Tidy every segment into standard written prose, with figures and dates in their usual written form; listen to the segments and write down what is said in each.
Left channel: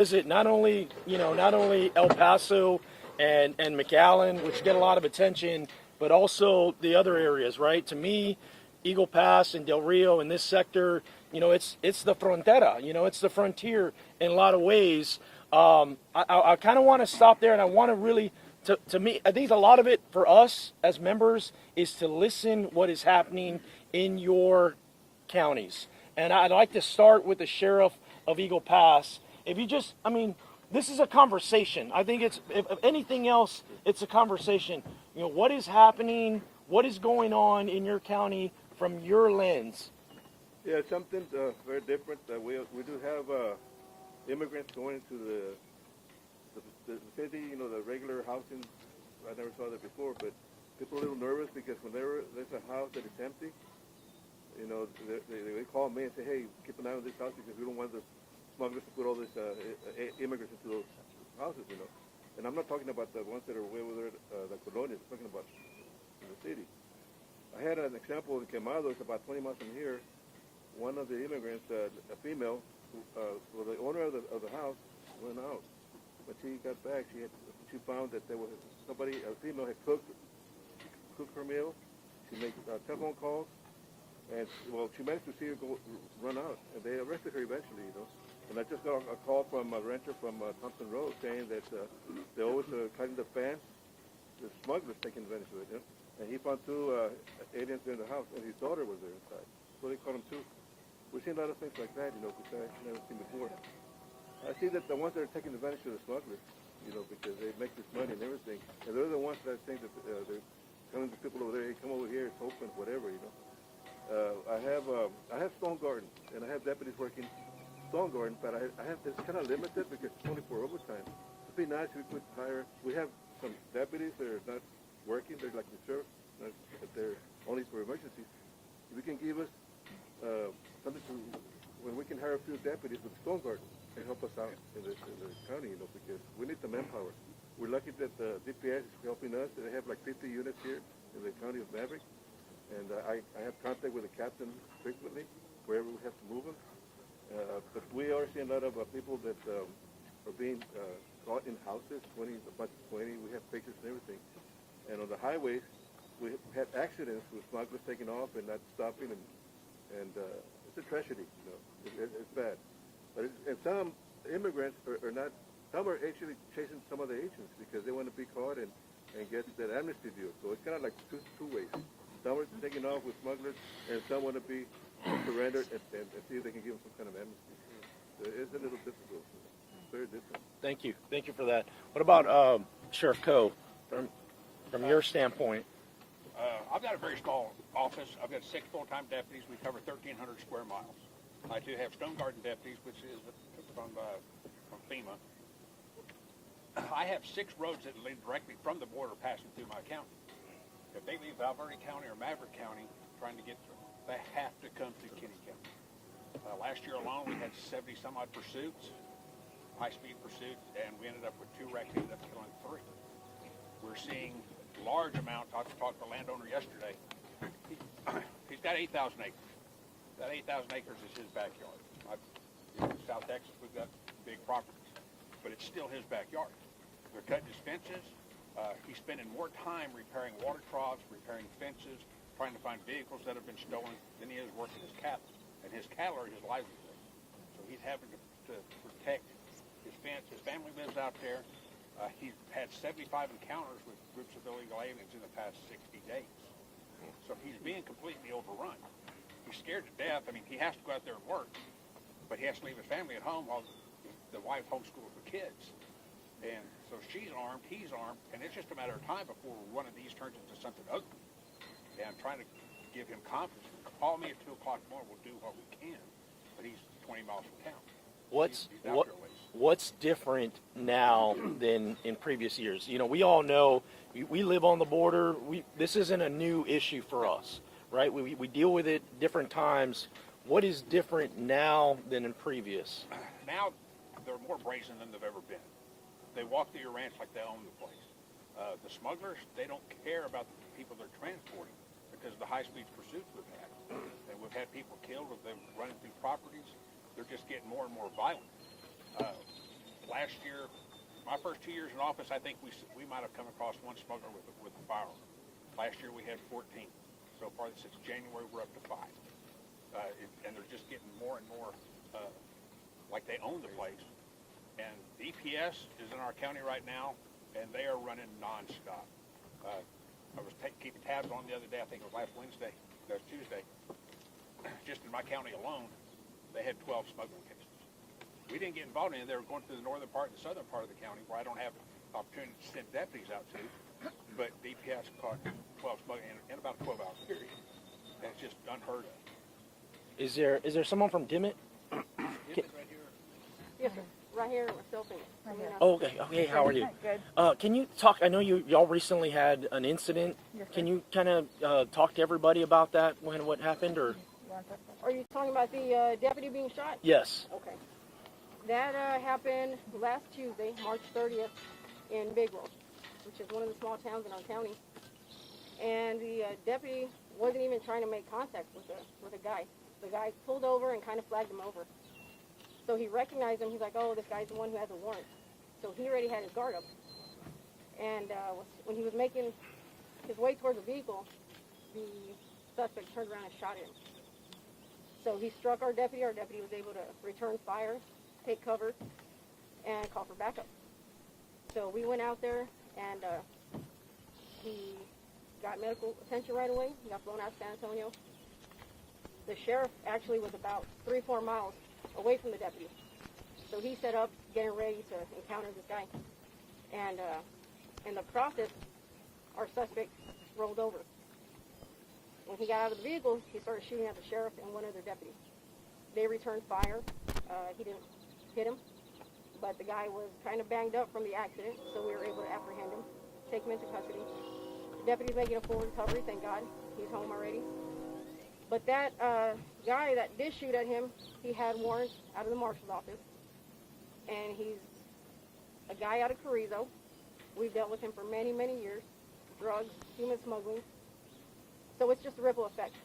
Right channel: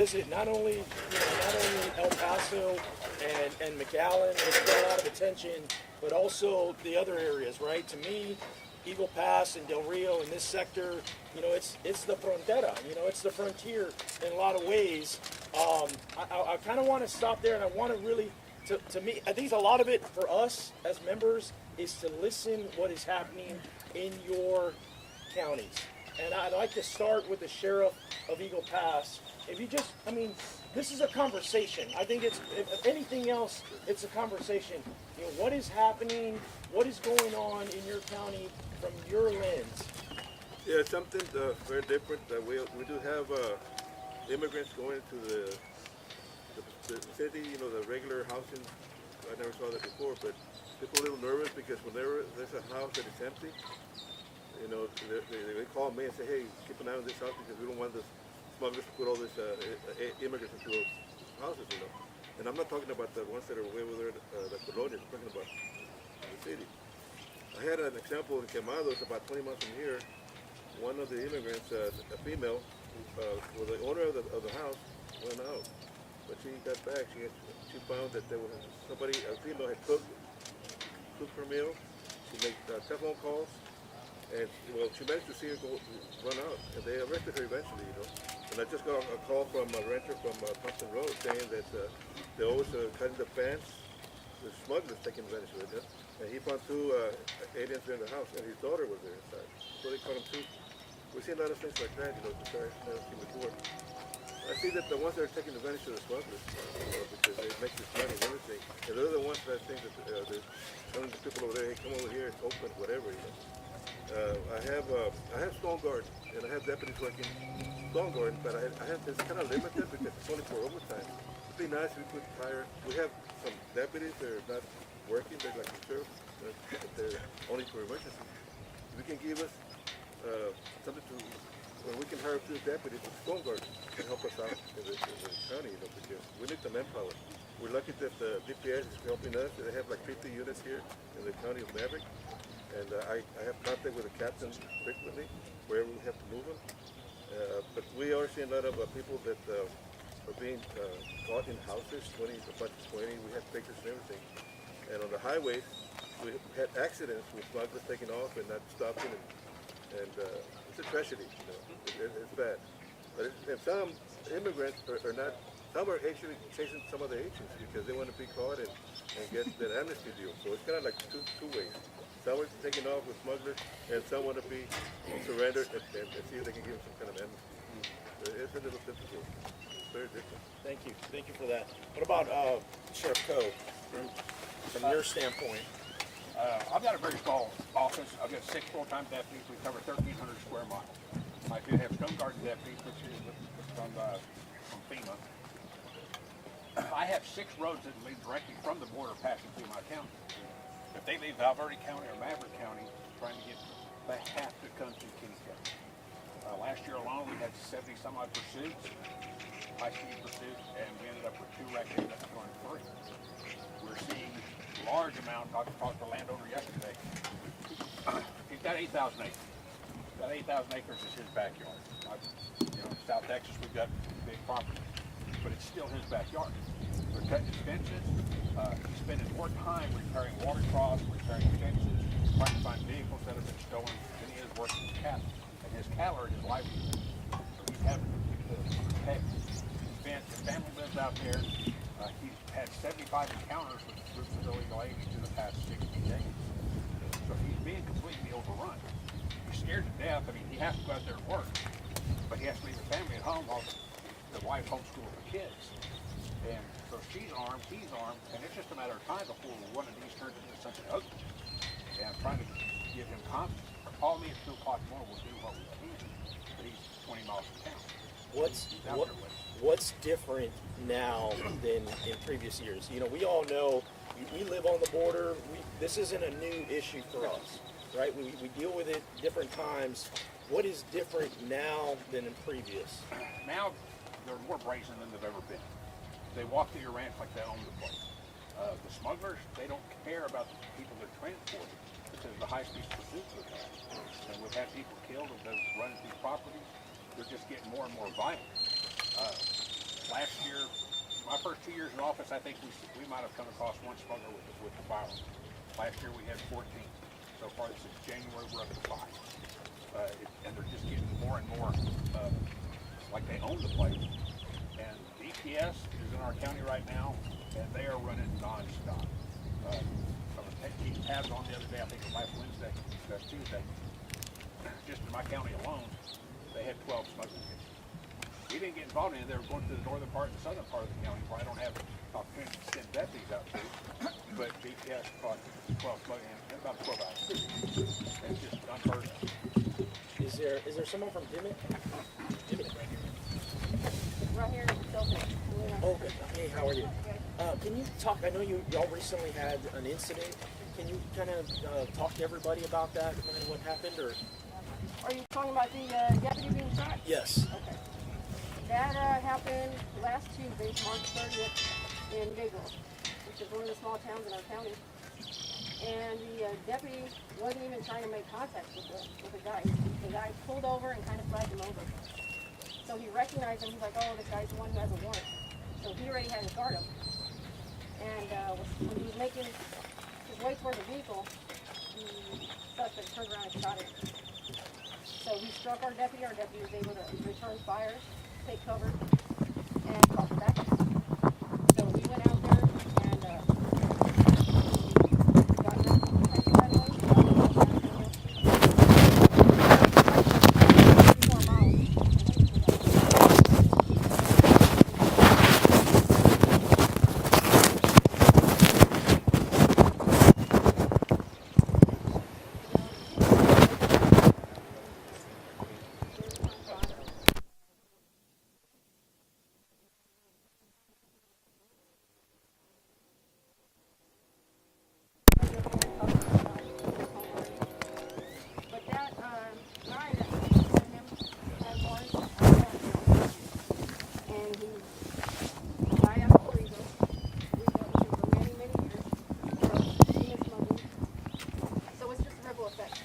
Visit not only El Paso and McAllen, which get a lot of attention, but also the other areas, right? To me, Eagle Pass and Del Rio in this sector, it's the frontera, it's the frontier in a lot of ways. I kind of want to stop there, and I want to really, to me, I think a lot of it for us as members is to listen what is happening in your counties. And I'd like to start with the sheriff of Eagle Pass. If you just, this is a conversation. I think if anything else, it's a conversation. What is happening? What is going on in your county from your lens? Yeah, something very different. We do have immigrants going into the city, the regular housing. I never saw that before, but people a little nervous because whenever there's a house that is empty, they call me and say, hey, keep an eye on this house because we don't want the smugglers to put all this immigrants into those houses, And I'm not talking about the ones that are way over there, the colonias, I'm talking about the city. I had an example in Quemados about 20 miles from here. One of the immigrants, a female, well, the owner of the house went out. But she got back, she found that there was somebody, a female had cooked her meal. She made telephone calls. And, well, she managed to see her run out, and they arrested her eventually, And I just got a call from a renter from Thompson Road saying that they always cutting the fence, the smugglers taking advantage of it, and he found two aliens in the house, and his daughter was there inside. So they caught him too. We've seen a lot of things like that, which I've never seen before. I see that the ones that are taking advantage of the smugglers, because they make this money and everything, and they're the ones that think that they're telling the people over there, hey, come over here, it's open, whatever, I have Stone Garden, and I have deputies working Stone Garden, but it's kind of limited because it's only for overtime. It'd be nice if we could hire, we have some deputies that are not working, they're like reserves, they're only for emergency. If you can give us something to, when we can hire a few deputies from Stone Garden to help us out in the county, because we need the manpower. We're lucky that the DPS is helping us, they have like 50 units here in the county of Maverick. And I have contact with the captains frequently, wherever we have to move them. But we are seeing a lot of people that are being caught in houses, 20, a bunch of 20. We have pictures and everything. And on the highways, we had accidents with smugglers taking off and not stopping. And it's a tragedy, It's bad. And some immigrants are not, some are actually chasing some of the agents because they want to be caught and get the amnesty deal. So it's kind of like two ways. Some are taking off with smugglers, and some want to be surrendered and see if they can give them some kind of amnesty. It's a little difficult. It's very different. Thank you for that. What about Sheriff Coe, from your standpoint? I've got a very small office. I've got 6 full-time deputies. We cover 1,300 square miles. I do have Stone Garden deputies, which is from FEMA. I have 6 roads that lead directly from the border passing through my county. If they leave Valverde County or Maverick County, trying to get, they have to come to Kitty County. Last year alone, we had 70 some odd pursuits, high-speed pursuits, and we ended up with 2 wrecks and on 3. We're seeing large amount. I talked to a landowner yesterday. He's got 8,000 acres. That 8,000 acres is his backyard. In South Texas, we've got big properties, but it's still his backyard. They're cutting his fences. He's spending more time repairing water troughs, repairing fences, trying to find vehicles that have been stolen, and he is working with cattle. And his cattle are his livelihood. So he's having to protect his fence. His family lives out there. He's had 75 encounters with illegal aliens in the past 60 days. So he's being completely overrun. He's scared to death. I mean, he has to go out there and work, but he has to leave the family at home while the wife homeschools the kids. And so she's armed, he's armed, and it's just a matter of time before one of these turns into something ugly. And I'm trying to give him confidence. Call me at 2 o'clock more, we'll do what we can. But he's 20 miles from town. What's different now than in previous years? We all know we live on the border. This isn't a new issue for us, right? We deal with it different times. What is different now than in previous? Now they're more brazen than they've ever been. They walk through your ranch like they own the place. The smugglers, they don't care about the people they're transporting because of the high-speed pursuits we've had. And we've had people killed, they've running these properties. They're just getting more and more violent. might have come across one smuggler with the firearm. Last year we had 14. So far this is January, we're up to 5. And they're just getting more and more like they own the place. And DPS is in our county right now, and they are running non-stop. I was keeping tabs on the other day, I think it was last Tuesday. Just in my county alone, they had 12 smuggling cases. We didn't get involved in it. They were going to the northern part and southern part of the county where I don't have opportunity to send deputies out to. But DPS caught 12 smuggling in about 12 hours. That's just unheard of. Is there someone from Dimmitt? Right here, Oh, good. Okay, how are you? Good. Can you talk? I know y'all recently had an incident. Can you kind of talk to everybody about that when what happened, or? Are you talking about the deputy being shot? Yes. Okay. That happened last Tuesday, March 30th, in Gabriel, which is one of the small towns in our county. And the deputy wasn't even trying to make contact with the guy. The guy pulled over and kind of flagged him over. So he recognized him. He's like, oh, this guy's the one who has a warrant. So he already had his guard up. And when he was making his way towards the vehicle, the suspect turned around and shot him. So he struck our deputy. Our deputy was able to return fire, take cover, and call for backup. So we went out there and got medical attention right away. Got him out there, you know. 3-4 miles away from the deputy. He set up a when he got out of the vehicle, he was the sheriff and one of the deputies. They returned fire. He didn't hit him, but the guy was kind of banged up from the accident, so we were able to apprehend him, take him into custody. The deputy ended up being recovered, thank God, he's home already. But that guy that did shoot at him, he had warrants out of Arkansas. And he's a guy out of Carrizo. We've dealt with him for many, many years. Drugs, human smuggling. So it's just a ripple effect.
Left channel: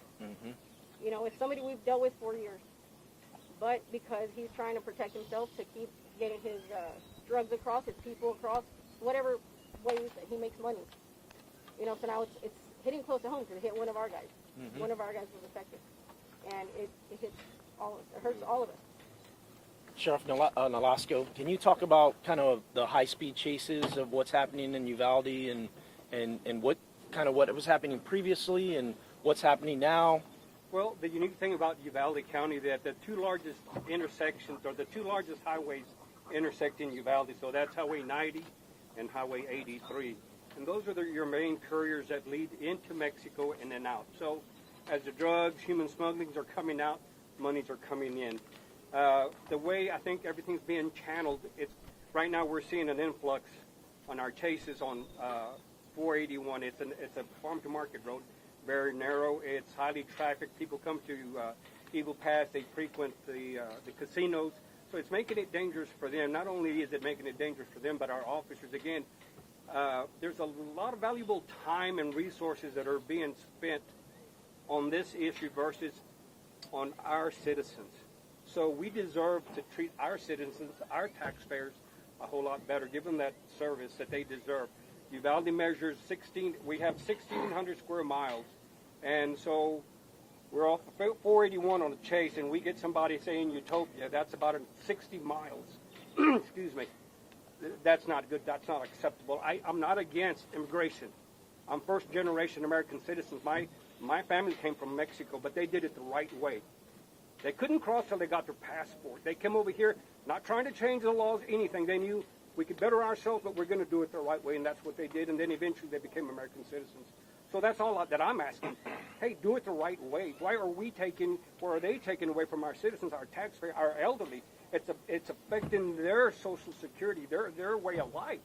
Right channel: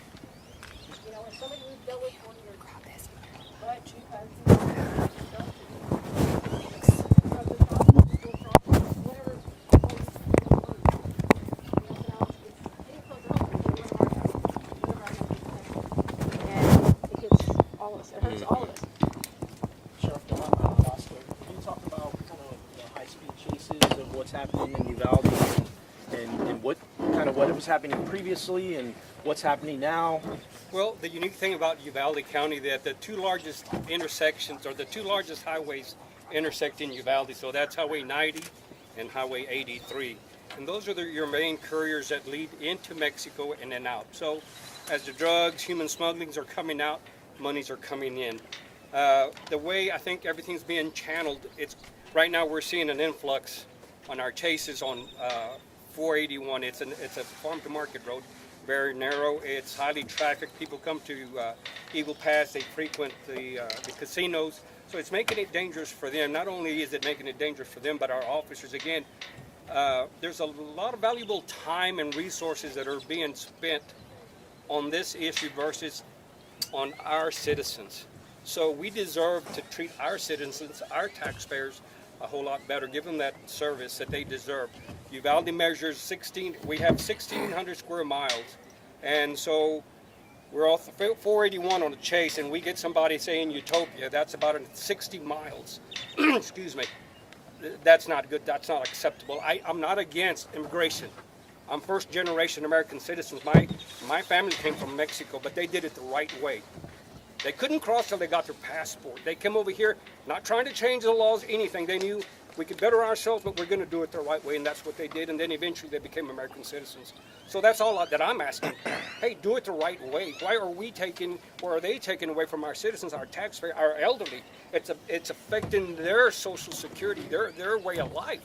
You know, it's somebody we've dealt with for years. But because he was trying to protect himself to keep drugs across, people across, whatever ways he makes money. You know, so now it's hitting close to home to get one of our guys. One of our guys is detected. And it hits all of us. It hurts all of us. Sheriff Nolasco, can you talk about kind of the high-speed chases of what's happening in Uvalde and what kind of what was happening previously and what's happening now? Well, the unique thing about Uvalde County that the two largest intersections or the two largest highways intersect in Uvalde. So that's Highway 90 and Highway 83. And those are your main couriers that lead into Mexico and then out. So as the drugs, human smugglings are coming out, monies are coming in. The way I think everything's being channeled, it's right now we're seeing an influx on our chases on 481. It's a farm to market road, very narrow. It's highly trafficked. People come to Eagle Pass. They frequent the casinos. So it's making it dangerous for them. Not only is it making it dangerous for them, but our officers. Again, there's a lot of valuable time and resources that are being spent on this issue versus on our citizens. So we deserve to treat our citizens, our taxpayers, a whole lot better, give them that service that they deserve. Uvalde measures we have 1,600 square miles, and so we're off 481 on a chase, and we get somebody saying Utopia, that's about 60 miles. Excuse me. That's not good, that's not acceptable. I'm not against immigration. I'm first generation American citizens. My family came from Mexico, but they did it the right way. They couldn't cross till they got their passport. They came over here not trying to change the laws, anything. They knew we could better ourselves, but we're going to do it the right way, and that's what they did. And then eventually they became American citizens. So that's all that I'm asking. Hey, do it the right way. Why are they taking away from our citizens, our taxpayers, our elderly? It's affecting their social security, their way of life.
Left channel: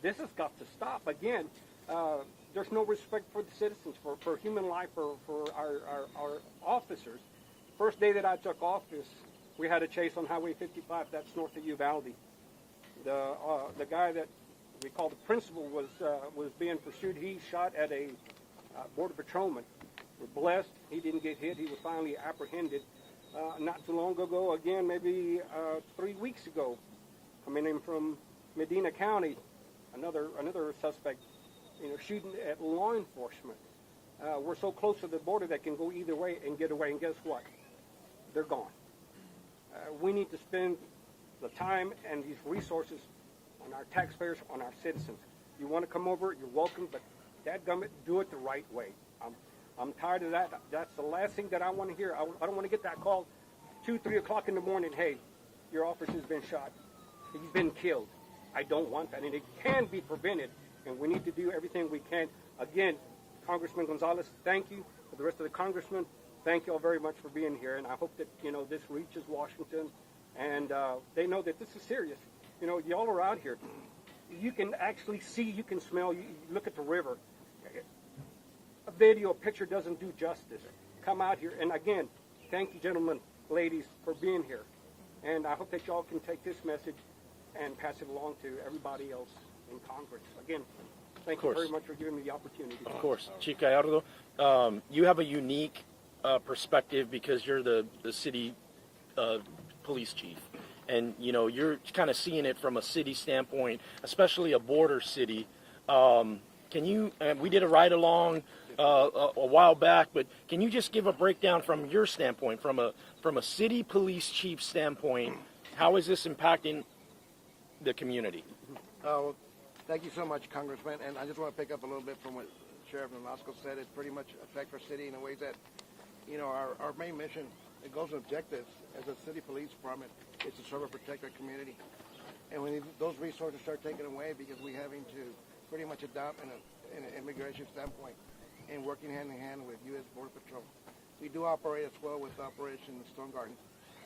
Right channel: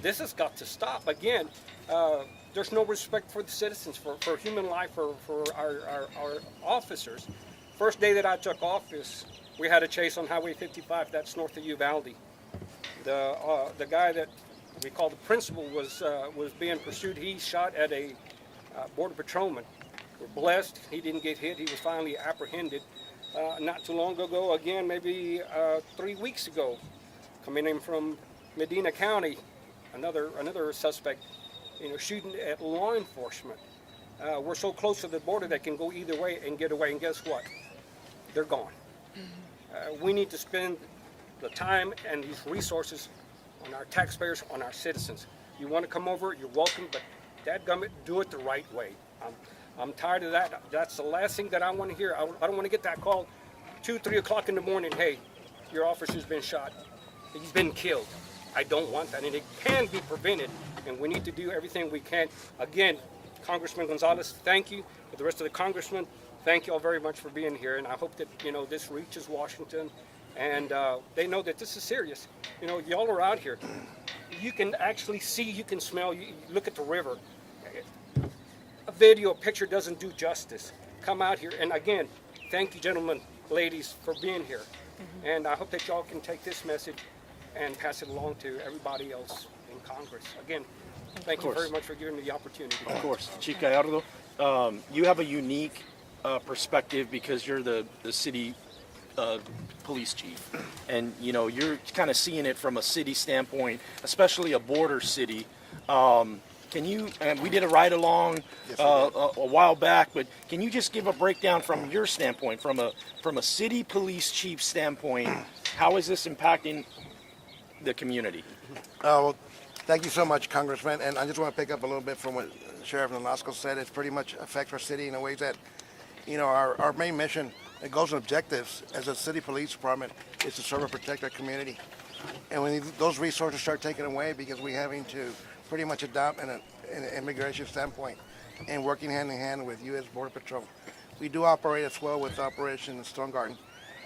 This has got to stop. Again, there's no respect for the citizens, for human life, for our officers. First day that I took office, we had a chase on Highway 55, that's north of Uvalde. The guy that we call the principal was being pursued. He shot at a border patrolman. We're blessed, he didn't get hit. He was finally apprehended not too long ago, again, maybe 3 weeks ago, coming in from Medina County. another suspect, shooting at law enforcement. We're so close to the border that can go either way and get away, and guess what? They're gone. We need to spend the time and these resources on our taxpayers, on our citizens. You want to come over, you're welcome, but dadgummit, do it the right way. I'm tired of that. That's the last thing that I want to hear. I don't want to get that call 2, 3 o'clock in the morning. Hey, your officer's been shot. He's been killed. I don't want that, and it can be prevented, and we need to do everything we can. Again, Congressman Gonzales, thank you. For the rest of the congressmen, thank you all very much for being here, and I hope that this reaches Washington, and they know that this is serious. Y'all are out here. You can actually see, you can smell. You look at the river. A video, a picture doesn't do justice. Come out here, and again, thank you, gentlemen, ladies, for being here, and I hope that y'all can take this message and pass it along to everybody else in Congress. Again, thank you very much for giving me the opportunity. Of course. Chief Gallardo, you have a unique perspective because you're the city police chief. And, you're kind of seeing it from a city standpoint, especially a border city. Can you, and we did a ride-along a while back, but can you just give a breakdown from your standpoint, from a city police chief standpoint, how is this impacting the community? Well, thank you so much, Congressman. And I just want to pick up a little bit from what Sheriff Nolasco said. It pretty much affects our city in a way that, our main mission, and goals and objectives as a city police department is to serve and protect our community. And when those resources start taken away because we're having to pretty much adopt an immigration standpoint and working hand in hand with U.S. Border Patrol. We do operate as well with Operation Stone Garden,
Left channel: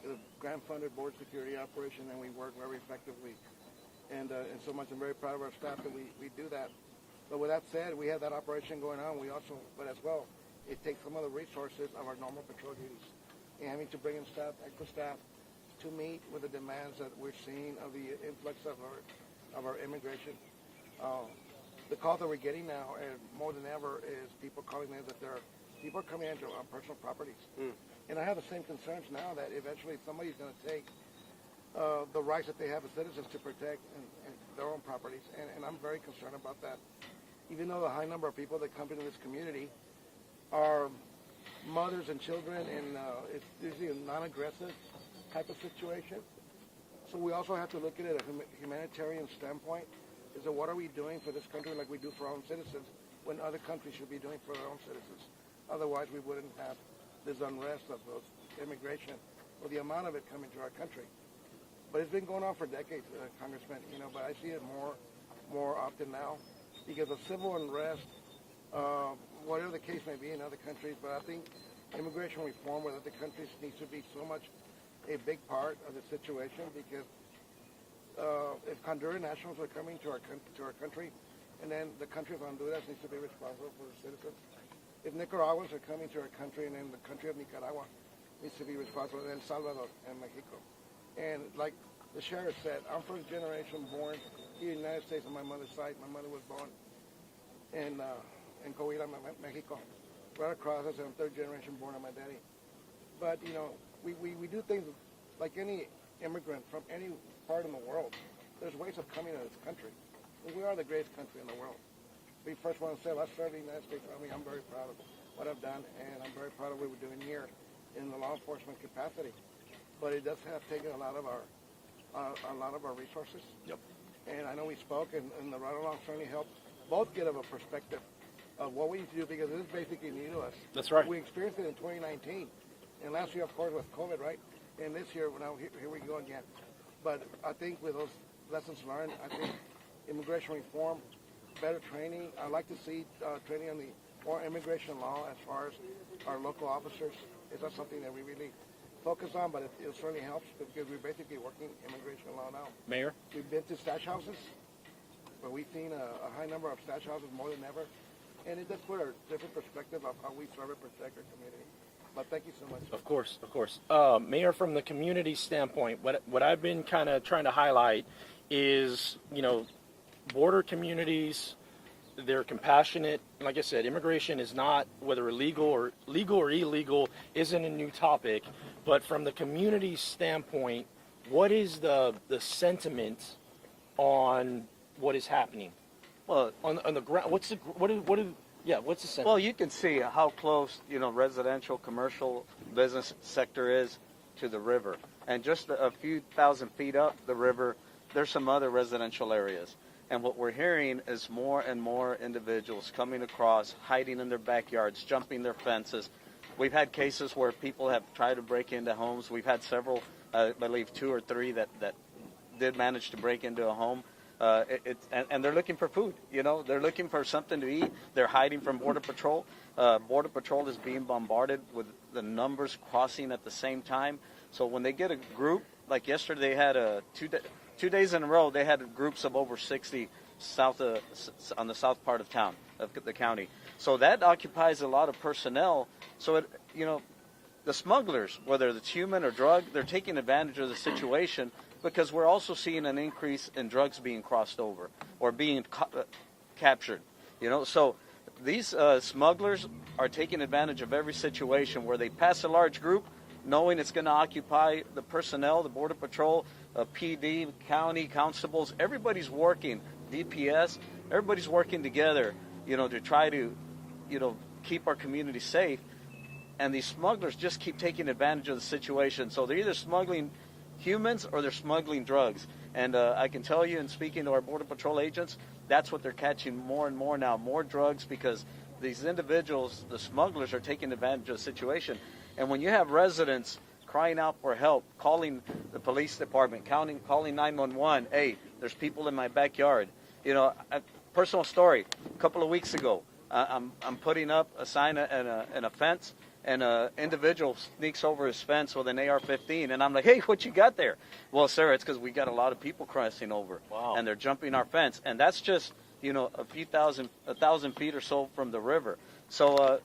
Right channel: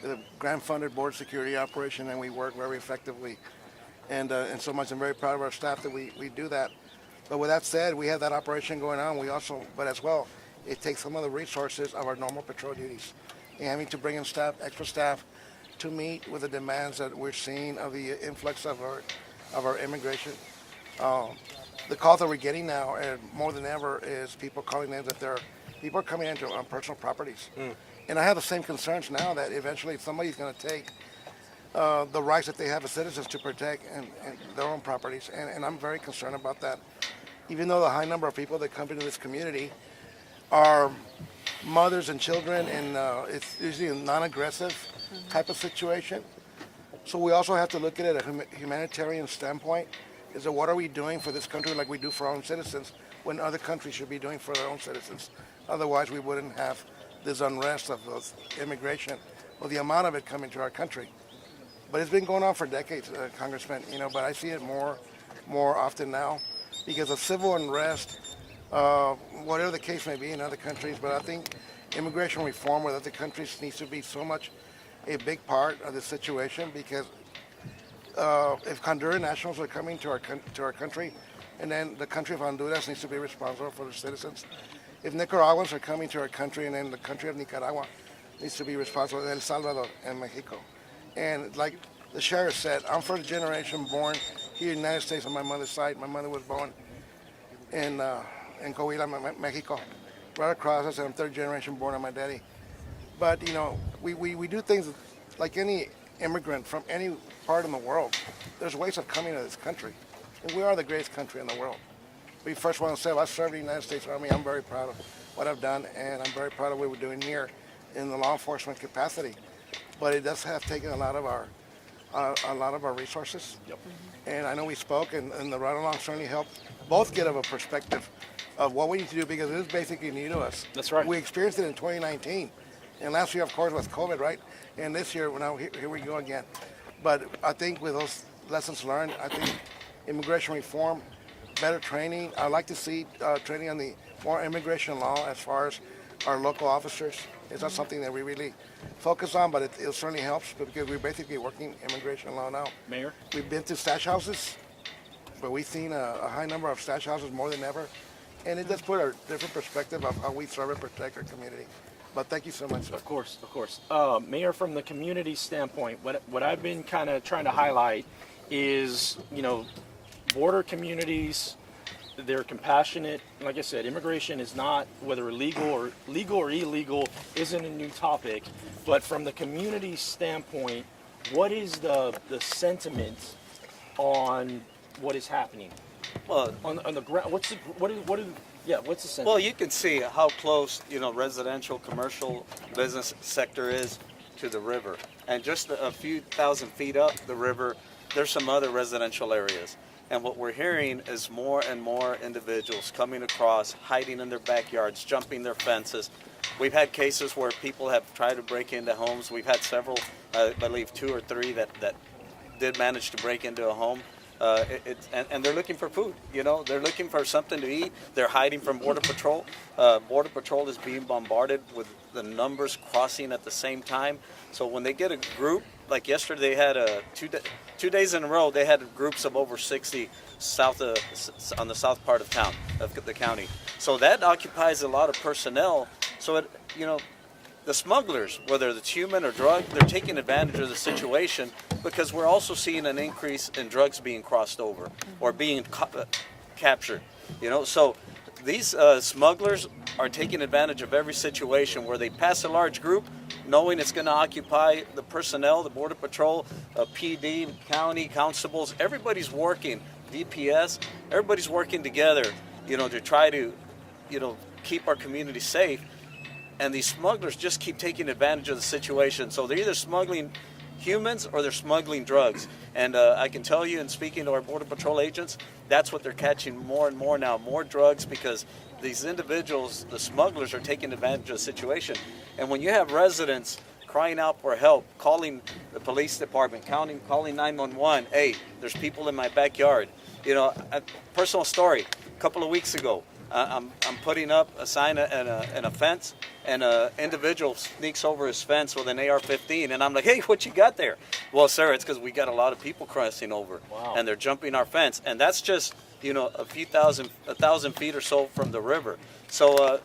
the grant-funded border security operation, and we work very effectively. And so much, I'm very proud of our staff that we do that. But with that said, we have that operation going on. We also, but as well, it takes some of the resources of our normal patrol duties. And having to bring in staff, extra staff, to meet with the demands that we're seeing of the influx of our immigration. The call that we're getting now, and more than ever, is people calling in that people are coming into on personal properties. And I have the same concerns now that eventually somebody's going to take the rights that they have as citizens to protect and their own properties. And I'm very concerned about that. Even though the high number of people that come into this community are mothers and children, and it's usually a non-aggressive type of situation. So we also have to look at it at a humanitarian standpoint. Is that what are we doing for this country like we do for our own citizens when other countries should be doing for their own citizens? Otherwise, we wouldn't have this unrest of immigration or the amount of it coming to our country. But it's been going on for decades, Congressman, but I see it more often now because of civil unrest, whatever the case may be in other countries. But I think immigration reform with other countries needs to be so much a big part of the situation because if Honduran nationals are coming to our country, and then the country of Honduras needs to be responsible for the citizens. If Nicaraguans are coming to our country, and then the country of Nicaragua needs to be responsible for El Salvador and Mexico. And like the sheriff said, I'm first generation born here in the United States on my mother's side. My mother was born in Coahuila, Mexico. Right across, I said I'm third generation born on my daddy. But we do things like any immigrant from any part in the world. There's ways of coming to this country. And we are the greatest country in the world. We first want to say, I served in the United States Army. I'm very proud of what I've done, and I'm very proud of what we're doing here in the law enforcement capacity. But it does have taken a lot of our resources. Yep. And I know we spoke, and the ride-along certainly helped both get a perspective of what we need to do because it is basically new to us. That's right. We experienced it in 2019, and last year, of course, was COVID, right? And this year, now here we go again. But I think with those lessons learned, I think immigration reform, better training. I'd like to see training on the more immigration law as far as our local officers. It's not something that we really focus on, but it certainly helps because we're basically working immigration law now. Mayor? We've been to stash houses, but we've seen a high number of stash houses more than ever. And it does put a different perspective of how we serve and protect our community. But thank you so much. Of course, of course. Mayor, from the community standpoint, what I've been kind of trying to highlight is, border communities, they're compassionate. Like I said, immigration is not, whether legal or illegal, isn't a new topic. But from the community standpoint, what is the sentiment on what is happening Well, on the ground? What's the sense? well, you can see how close, residential, commercial, business sector is to the river. And just a few thousand feet up the river, there's some other residential areas. And what we're hearing is more and more individuals coming across, hiding in their backyards, jumping their fences. We've had cases where people have tried to break into homes. We've had several, I believe 2 or 3 that did manage to break into a home. And they're looking for food, they're looking for something to eat. They're hiding from Border Patrol. Border Patrol is being bombarded with the numbers crossing at the same time. So when they get a group, like yesterday they had 2 days in a row, they had groups of over 60 on the south part of town, of the county. So that occupies a lot of personnel. So the smugglers, whether it's human or drug, they're taking advantage of the situation because we're also seeing an increase in drugs being crossed over or being captured. So these smugglers are taking advantage of every situation where they pass a large group, knowing it's going to occupy the personnel, the Border Patrol, PD, county, constables. Everybody's working, DPS. Everybody's working together, to try to, keep our community safe. And these smugglers just keep taking advantage of the situation. So they're either smuggling humans or they're smuggling drugs. And I can tell you, in speaking to our Border Patrol agents, that's what they're catching more and more now, more drugs, because these individuals, the smugglers, are taking advantage of the situation. And when you have residents crying out for help, calling the police department, calling 911, hey, there's people in my backyard. A personal story, a couple of weeks ago, I'm putting up a sign and a fence, and an individual sneaks over his fence with an AR-15, and I'm like, hey, what you got there? Well, sir, it's because we got a lot of people crossing over, and they're jumping our fence, and that's just, a thousand feet or so from the river. So,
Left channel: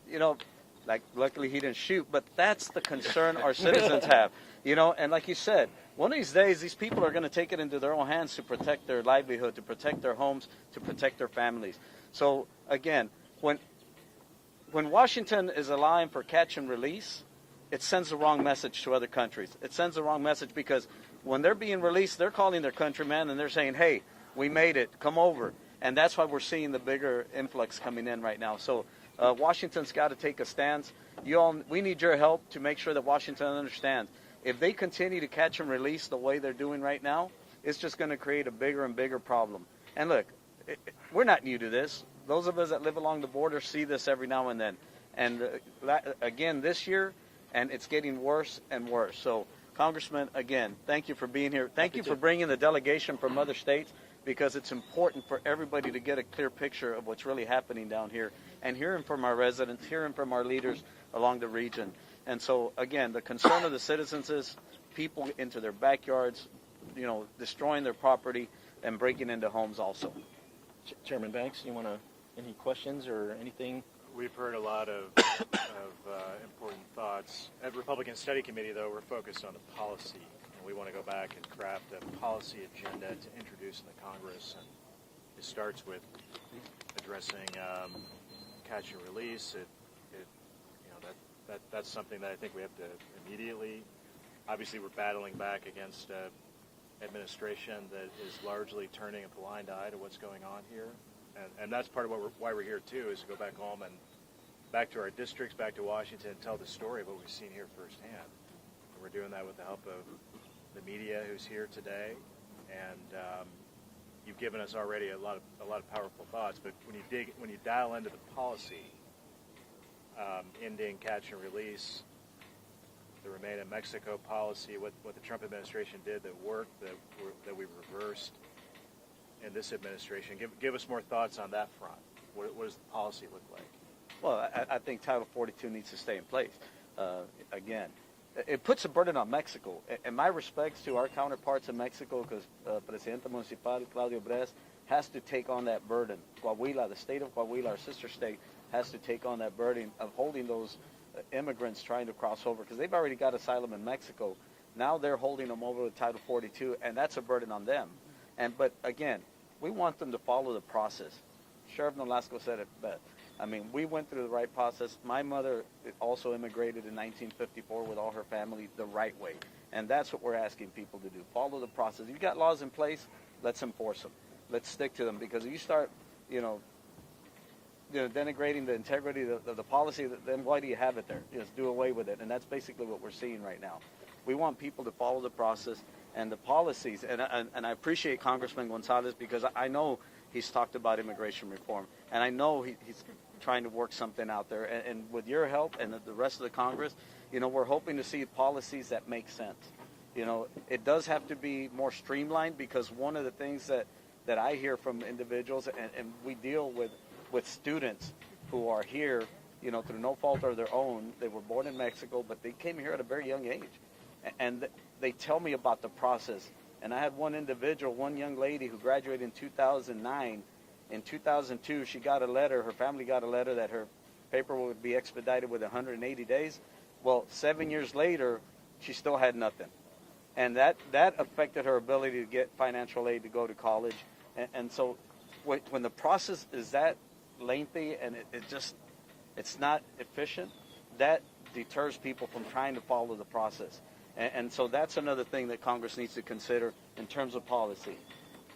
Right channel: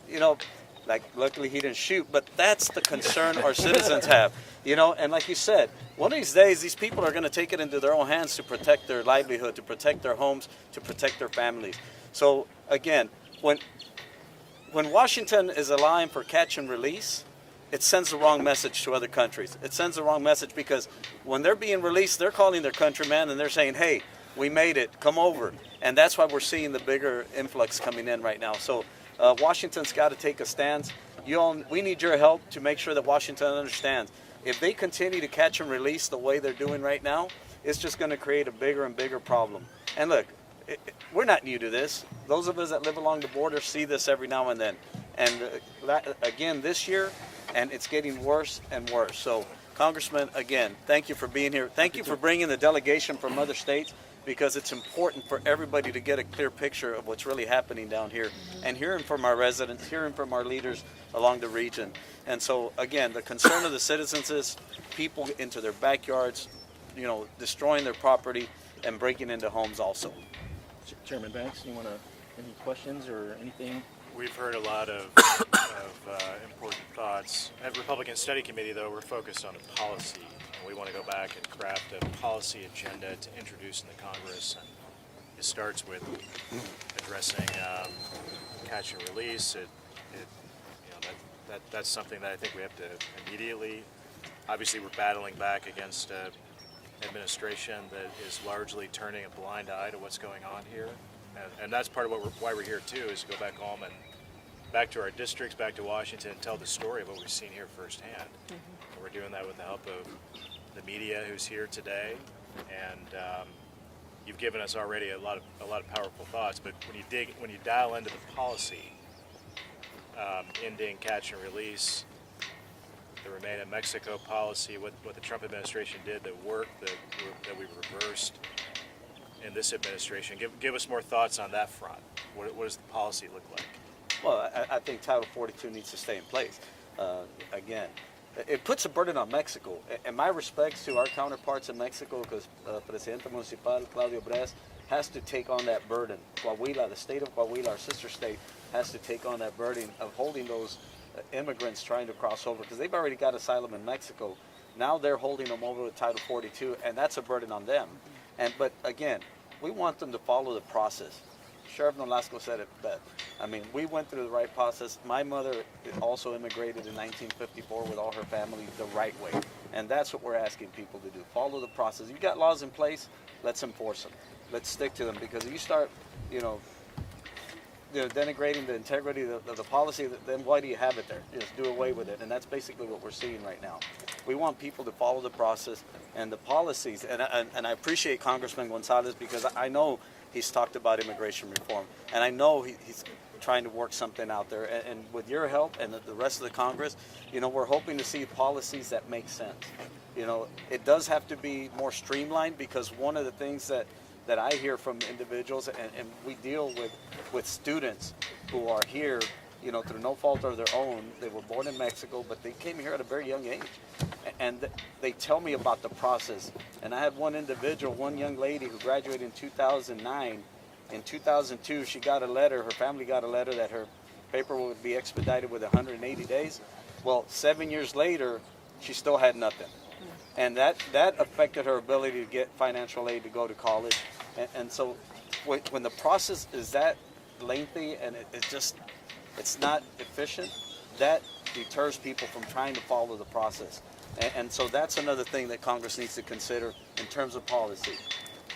luckily he didn't shoot, but that's the concern our citizens have, and like you said, one of these days, these people are going to take it into their own hands to protect their livelihood, to protect their homes, to protect their families. So, again, when Washington is allowing for catch and release, it sends the wrong message to other countries. It sends the wrong message because when they're being released, they're calling their countrymen and they're saying, hey, we made it, come over. And that's why we're seeing the bigger influx coming in right now. So Washington's got to take a stance. We need your help to make sure that Washington understands. If they continue to catch and release the way they're doing right now, it's just going to create a bigger and bigger problem. And look, we're not new to this. Those of us that live along the border see this every now and then. And again, this year, and it's getting worse and worse. So, Congressman, again, thank you for being here. Thank you for bringing the delegation from other states, because it's important for everybody to get a clear picture of what's really happening down here and hearing from our residents, hearing from our leaders along the region. And so, again, the concern of the citizens is people into their backyards, destroying their property and breaking into homes also. Chairman Banks, you want any questions or anything? We've heard a lot of important thoughts. At Republican Study Committee, though, we're focused on a policy, and we want to go back and craft a policy agenda to introduce in the Congress. And it starts with addressing catch and release. That's something that I think we have to immediately. Obviously, we're battling back against administration that is largely turning a blind eye to what's going on here, and that's part of why we're here too, is to go back home and back to our districts, back to Washington, and tell the story of what we've seen here firsthand. And we're doing that with the help of the media who's here today, and you've given us already a lot of powerful thoughts. But when you dial into the policy, ending catch and release, the Remain in Mexico policy, what the Trump administration did that worked, that we reversed in this administration. Give us more thoughts on that front. What does the policy look like? Well, I think Title 42 needs to stay in place. Again, it puts a burden on Mexico. And my respects to our counterparts in Mexico, because Presidente Municipal Claudio Bres has to take on that burden. Coahuila, the state of Coahuila, our sister state, has to take on that burden of holding those immigrants trying to cross over, because they've already got asylum in Mexico. Now they're holding them over to Title 42, and that's a burden on them. But again, we want them to follow the process. Sheriff Nolasco said it best. I mean, we went through the right process. My mother also immigrated in 1954 with all her family the right way, and that's what we're asking people to do. Follow the process. You've got laws in place. let's enforce them. Let's stick to them, because if you start, denigrating the integrity of the policy, then why do you have it there? Just do away with it. And that's basically what we're seeing right now. We want people to follow the process and the policies. And I appreciate Congressman Gonzales, because I know he's talked about immigration reform. And I know he's trying to work something out there. And with your help and the rest of the Congress, we're hoping to see policies that make sense. It does have to be more streamlined, because one of the things that I hear from individuals, and we deal with students who are here, through no fault of their own. They were born in Mexico, but they came here at a very young age. And they tell me about the process. And I had one individual, one young lady who graduated in 2009. In 2002, she got a letter, her family got a letter that her paperwork would be expedited with 180 days. Well, 7 years later, she still had nothing. And that affected her ability to get financial aid to go to college. And so when the process is that lengthy and it's not efficient, that deters people from trying to follow the process. And so that's another thing that Congress needs to consider in terms of policy.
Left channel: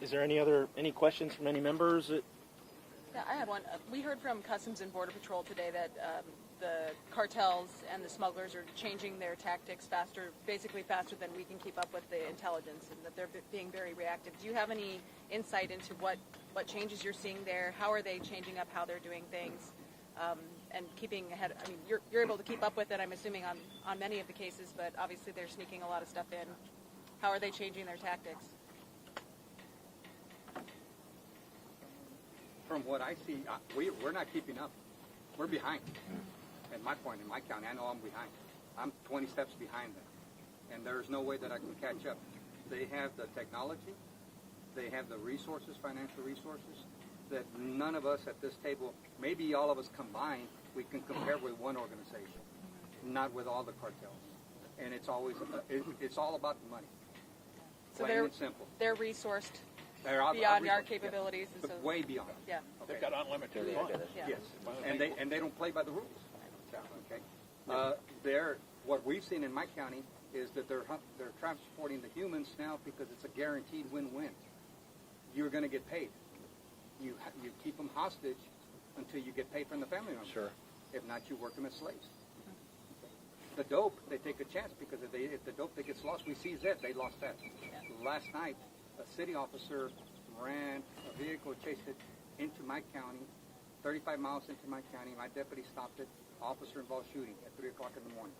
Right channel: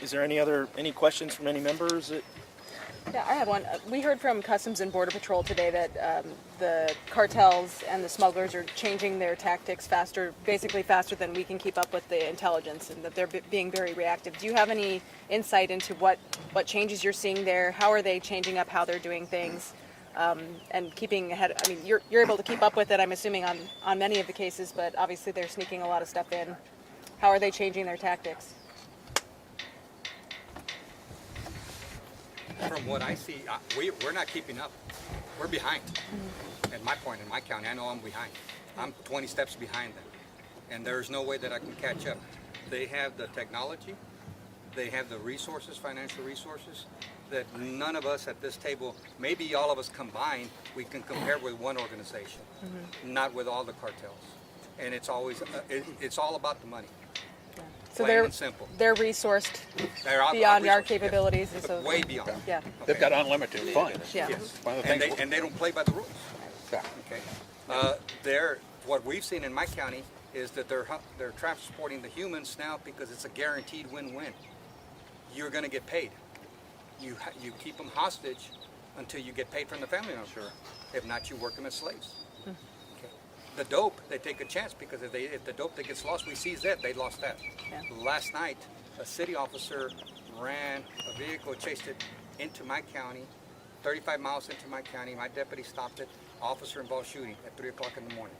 Is there any questions from any members? Yeah, I have one. We heard from Customs and Border Patrol today that the cartels and the smugglers are changing their tactics basically faster than we can keep up with the intelligence, and that they're being very reactive. Do you have any insight into what changes you're seeing there? How are they changing up how they're doing things, and keeping ahead? I mean, you're able to keep up with it, I'm assuming, on many of the cases, but obviously they're sneaking a lot of stuff in. How are they changing their tactics? From what I see, we're not keeping up. We're behind. At my point in my county, I know I'm behind. I'm 20 steps behind them. And there's no way that I can catch up. They have the technology. They have the resources, financial resources, that none of us at this table, maybe all of us combined, we can compare with one organization, not with all the cartels. And it's always, it's all about the money. So Plain and simple. they're resourced They're beyond our out-resourced, capabilities, and yes. so Way beyond. yeah. They've got unlimited funds. Yeah. Yes. And they don't play by the rules. Okay. What we've seen in my county is that they're transporting the humans now because it's a guaranteed win-win. You're going to get paid. You keep them hostage until you get paid from the family owner. Sure. If not, you work them as slaves. Okay. The dope, they take a chance, because if the dope that gets lost, we seize that, they lost that. Yeah. Last night, a city officer ran a vehicle, chased it into my county, 35 miles into my county. My deputy stopped it. Officer involved shooting at 3 o'clock in the morning.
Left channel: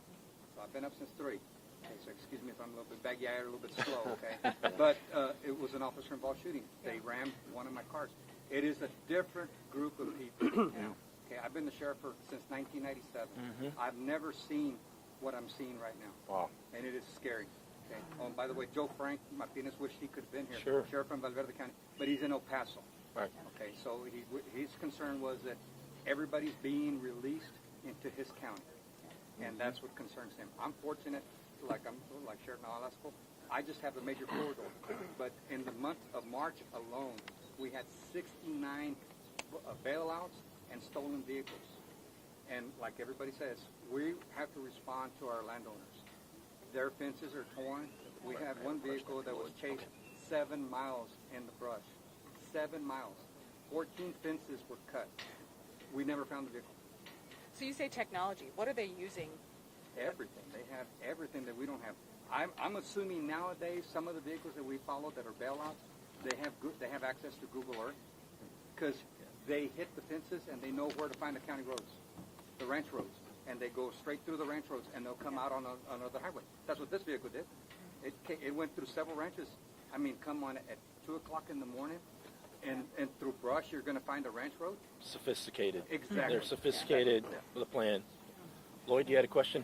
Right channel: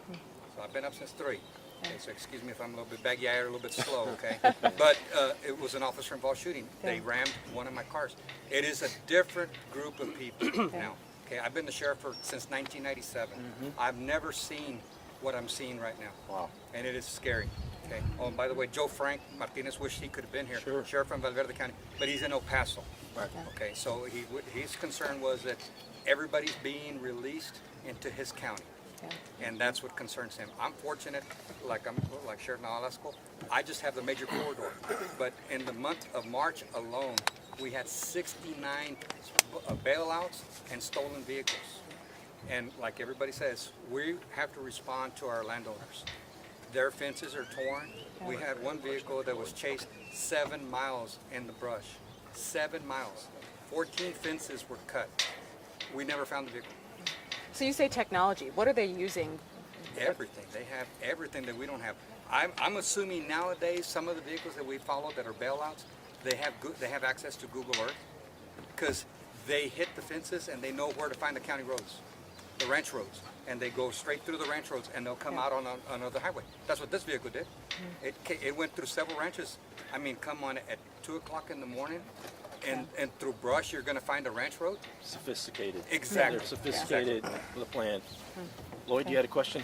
So I've been up since 3. Okay, so excuse me if I'm a little bit baggy-eyed or a little bit slow, okay? But it was an officer involved shooting. They rammed one of my cars. It is a different group of people now. Okay, I've been the sheriff since 1997. I've never seen what I'm seeing right now. Wow. And it is scary. Okay. Oh, and by the way, Joe Frank Martinez wished he could have been here. Sure. Sheriff from Valverde County, but he's in El Paso. Right. Okay, so his concern was that everybody's being released into his county. And that's what concerns him. I'm fortunate, like Sheriff Nalasco, I just have the major corridor. But in the month of March alone, we had 69 bailouts and stolen vehicles. And like everybody says, we have to respond to our landowners. Their fences are torn. We had one vehicle that was chased 7 miles in the brush. 7 miles. 14 fences were cut. We never found the vehicle. So you say technology. What are they using? Everything. They have everything that we don't have. I'm assuming nowadays some of the vehicles that we follow that are bailouts, they have access to Google Earth, because they hit the fences and they know where to find the county roads, the ranch roads, and they go straight through the ranch roads and they'll come out on another highway. That's what this vehicle did. It went through several ranches. I mean, come on, at 2 o'clock in the morning, and through brush, you're going to find a ranch road? Sophisticated. Exactly. They're sophisticated with a plan. Lloyd, you had a question?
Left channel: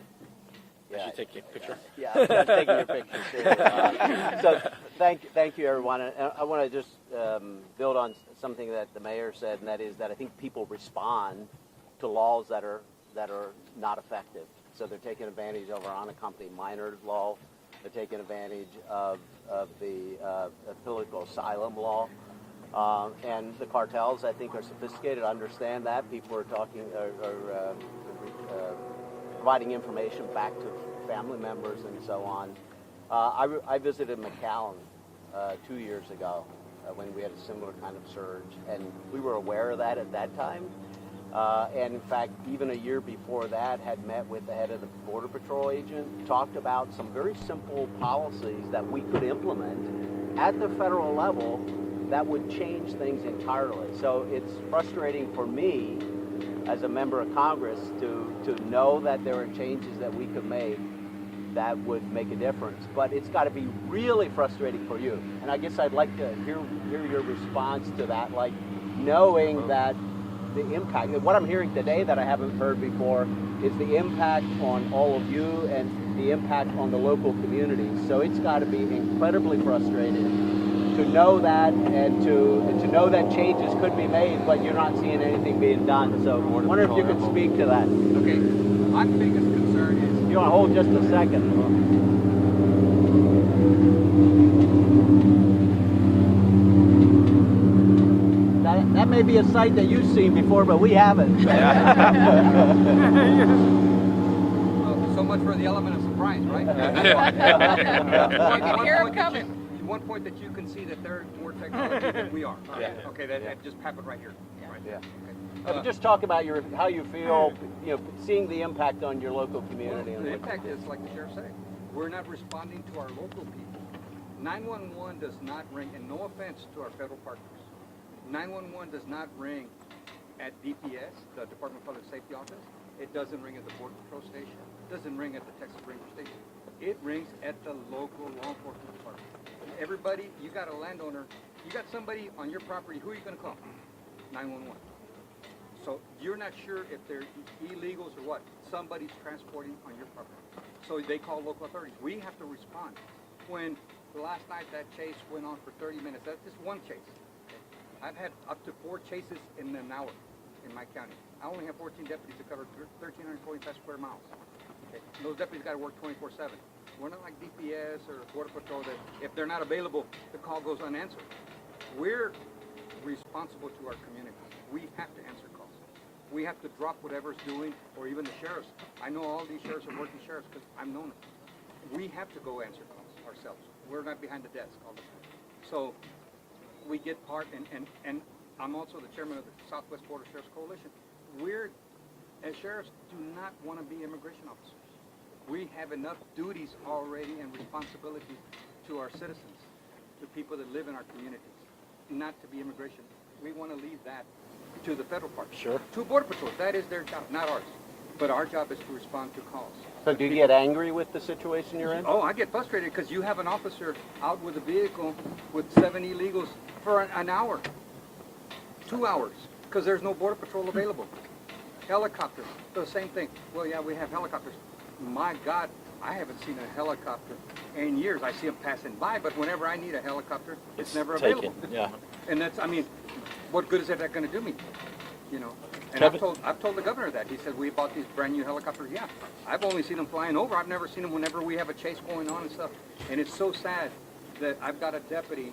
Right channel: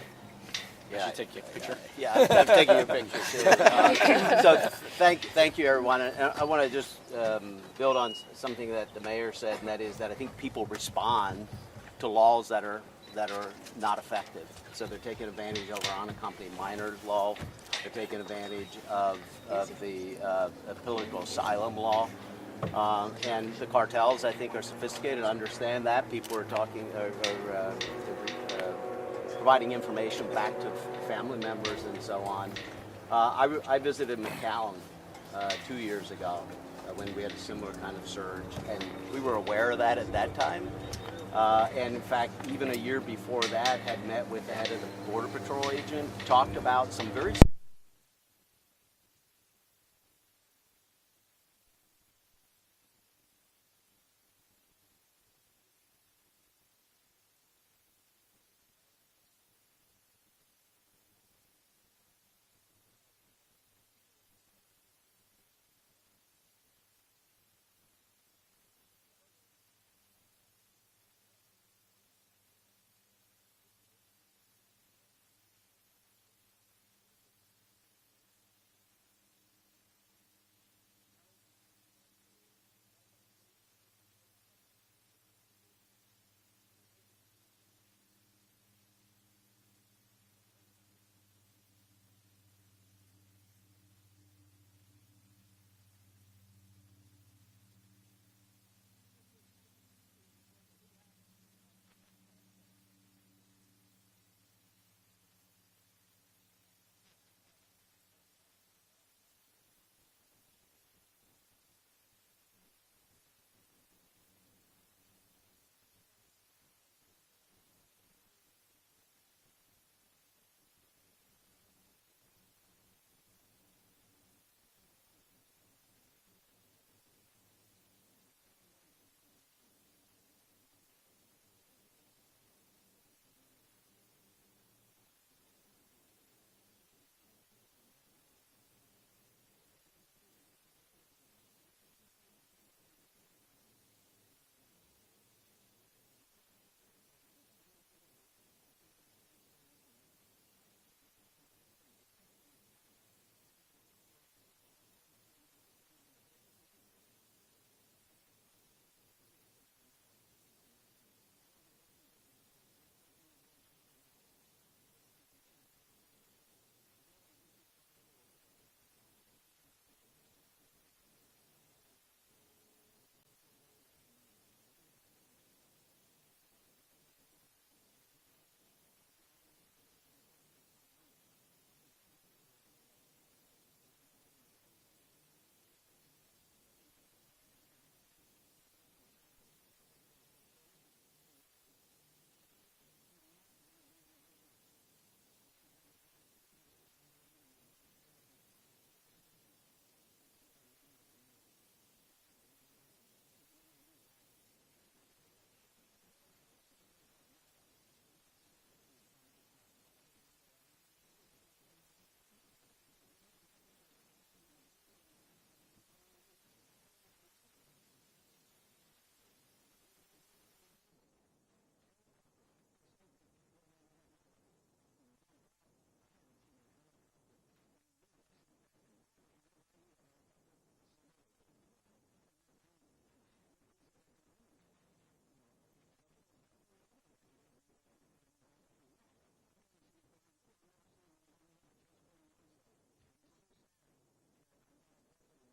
Yeah. You take your picture. Yeah, I'm taking your picture too. So thank you, everyone. And I want to just build on something that the mayor said, and that is that I think people respond to laws that are not effective. So they're taking advantage of our unaccompanied minor law. They're taking advantage of the political asylum law. And the cartels, I think, are sophisticated, understand that. People are talking, providing information back to family members and so on. I visited McAllen 2 years ago, when we had a similar kind of surge, and we were aware of that at that time. And in fact, even a year before that, had met with the head of the Border Patrol agent, talked about some very simple policies that we could implement at the federal level that would change things entirely. So it's frustrating for me as a member of Congress to know that there are changes that we could make that would make a difference. But it's got to be really frustrating for you. And I guess I'd like to hear your response to that, like knowing that the impact, what I'm hearing today that I haven't heard before, is the impact on all of you and the impact on the local communities. So it's got to be incredibly frustrating to know that and to know that changes could be made, but you're not seeing anything being done. So I wonder if you could speak to that. Okay, my biggest concern is... You want to hold just a second? That may be a site that you've seen before, but we haven't. Well, so much for the element of surprise, right? One point that you can see that they're more technology than we are. Yeah. Okay, that just happened right here. Right. Yeah. Okay. Just talk about how you feel, seeing the impact on your local community. Well, the impact is, like the sheriff said, we're not responding to our local people. 911 does not ring, and no offense to our federal partners, 911 does not ring at DPS, the Department of Public Safety Office. It doesn't ring at the Border Patrol Station. It doesn't ring at the Texas Ranger Station. It rings at the local law enforcement department. Everybody, you got a landowner, you got somebody on your property, who are you going to call? 911. So you're not sure if they're illegals or what. Somebody's transporting on your property. So they call local authorities. We have to respond. When last night that chase went on for 30 minutes, that's just one chase. I've had up to 4 chases in an hour in my county. I only have 14 deputies to cover 1,345 square miles. Okay. Those deputies got to work 24/7. We're not like DPS or Border Patrol that if they're not available, the call goes unanswered. We're responsible to our community. We have to answer calls. We have to drop whatever's doing, or even the sheriffs. I know all these sheriffs are working sheriffs because I've known them. We have to go answer calls ourselves. We're not behind the desk all the time. So we get part, and I'm also the chairman of the Southwest Border Sheriffs Coalition. We're, as sheriffs, do not want to be immigration officers. We have enough duties already and responsibilities to our citizens, to people that live in our communities, not to be immigration. We want to leave that to the federal part. Sure. To Border Patrol, that is their job, not ours. But our job is to respond to calls. So do you get angry with the situation you're in? Oh, I get frustrated because you have an officer out with a vehicle with 7 illegals for an hour, 2 hours, because there's no Border Patrol available. Helicopters, the same thing. Well, yeah, we have helicopters. My God, I haven't seen a helicopter in years. I see them passing by, but whenever I need a helicopter, it's never available. Yeah. And that's, I mean, what good is that going to do me? You know. And I've told the governor that. He said, we bought these brand new helicopters. Yeah, I've only seen them flying over. I've never seen them whenever we have a chase going on and stuff. And it's so sad that I've got a deputy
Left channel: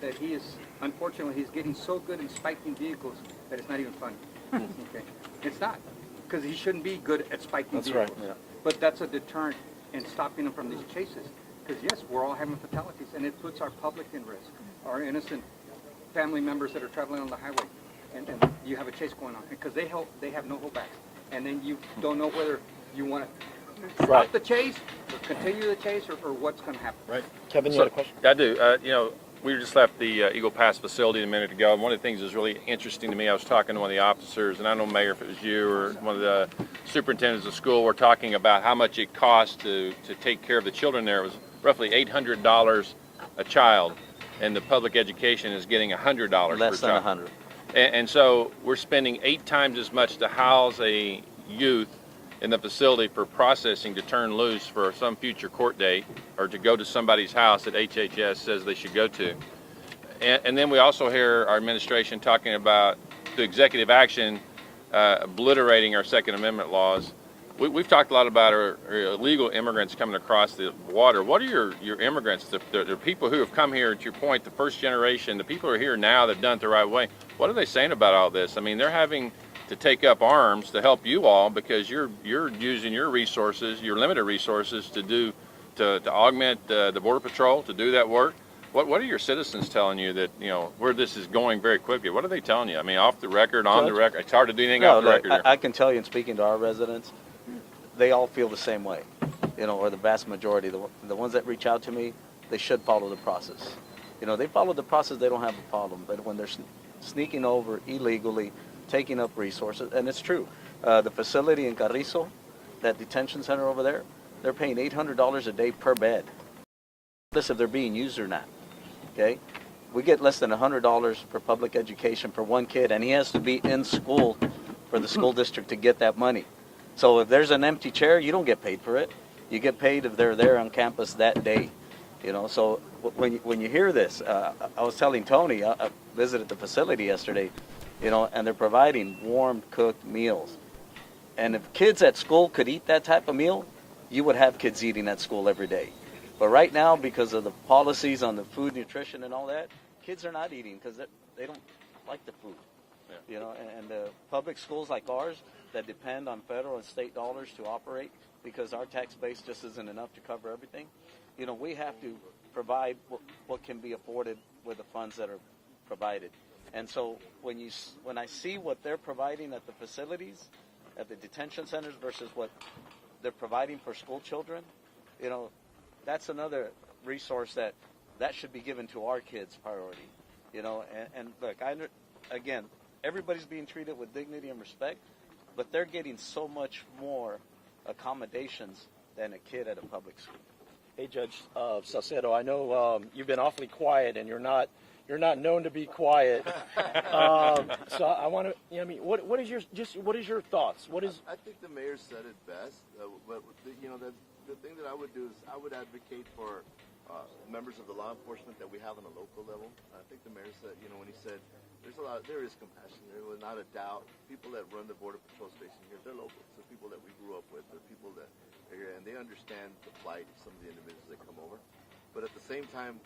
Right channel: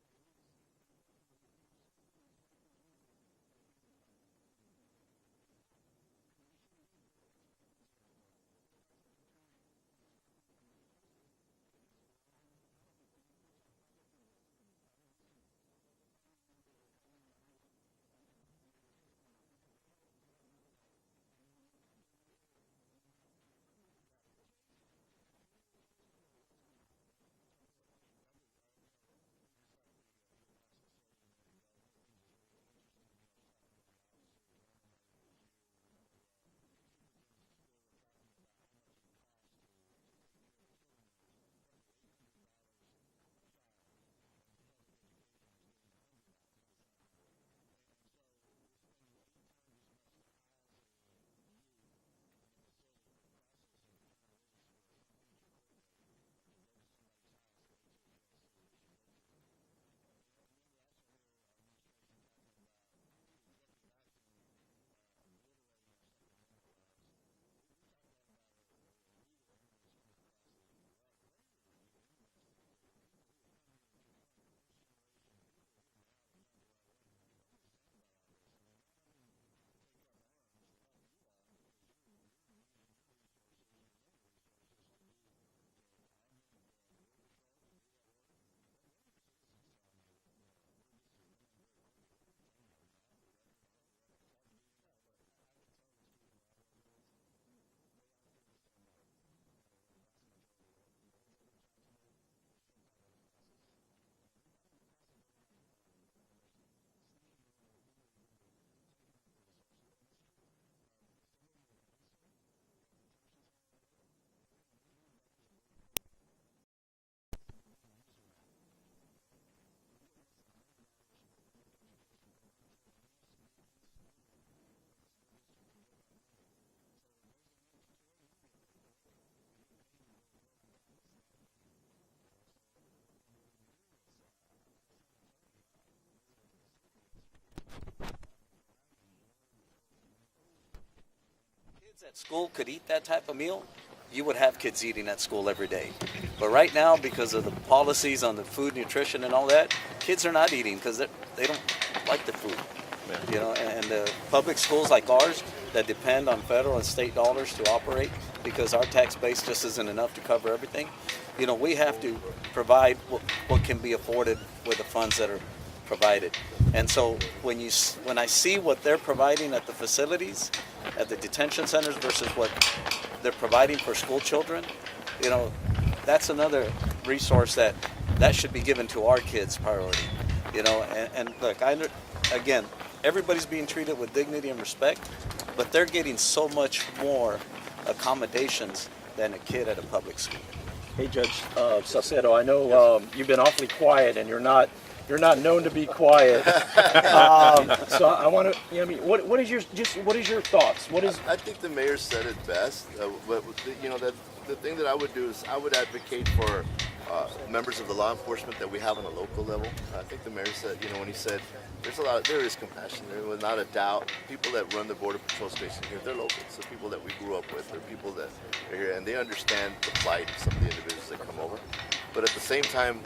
that he is, unfortunately, he's getting so good in spiking vehicles that it's not even funny. Okay, it's not, because he shouldn't be good at spiking vehicles. Right. Yeah. But that's a deterrent in stopping them from these chases. Because yes, we're all having fatalities, and it puts our public in risk, our innocent family members that are traveling on the highway. And you have a chase going on because they have no holdbacks, and then you don't know whether you want to stop the chase or continue the chase or what's going to happen. Right. Kevin, you So, had a question? I do. We just left the Eagle Pass facility a minute ago, and one of the things that was really interesting to me, I was talking to one of the officers, and I don't know, Mayor, if it was you or one of the superintendents of school, were talking about how much it costs to take care of the children there. It was roughly $800 a child, and the public education is getting $100 per child. Less than 100. And so we're spending 8 times as much to house a youth in the facility for processing to turn loose for some future court date or to go to somebody's house that HHS says they should go to. And then we also hear our administration talking about the executive action obliterating our Second Amendment laws. We've talked a lot about our illegal immigrants coming across the water. What are your immigrants, the people who have come here, to your point, the first generation, the people who are here now that have done it the right way, what are they saying about all this? I mean, they're having to take up arms to help you all because you're using your resources, your limited resources, to augment the Border Patrol, to do that work. What are your citizens telling you that, where this is going very quickly? What are they telling you? I mean, off the record, on the record? It's hard to do anything off the record here. I can tell you in speaking to our residents, they all feel the same way, or the vast majority. The ones that reach out to me, they should follow the process. They follow the process, they don't have a problem. But when they're sneaking over illegally, taking up resources, and it's true, the facility in Carrizo, that detention center over there, they're paying $800 a day per bed. Regardless if they're being used or not. Okay, we get less than $100 for public education for one kid, and he has to be in school for the school district to get that money. So if there's an empty chair, you don't get paid for it. You get paid if they're there on campus that day. So when you hear this, I was telling Tony, I visited the facility yesterday, and they're providing warm cooked meals. And if kids at school could eat that type of meal, you would have kids eating at school every day. But right now, because of the policies on the food, nutrition, and all that, kids are not eating because they don't like the food. And the public schools like ours that depend on federal and state dollars to operate, because our tax base just isn't enough to cover everything, we have to provide what can be afforded with the funds that are provided. And so when I see what they're providing at the facilities, at the detention centers versus what they're providing for school children, that's another resource that should be given to our kids priority. And look, again, everybody's being treated with dignity and respect, but they're getting so much more accommodations than a kid at a public school. Hey, Judge Salcedo, I know you've been awfully quiet, and you're not known to be quiet. So I want to, what is your thoughts? I think the mayor said it best. The thing that I would do is I would advocate for members of the law enforcement that we have on a local level. I think the mayor said, when he said there is compassion. There was not a doubt. People that run the Border Patrol station here, they're local. So people that we grew up with, they're people that are here, and they understand the plight of some of the individuals that come over. But at the same time,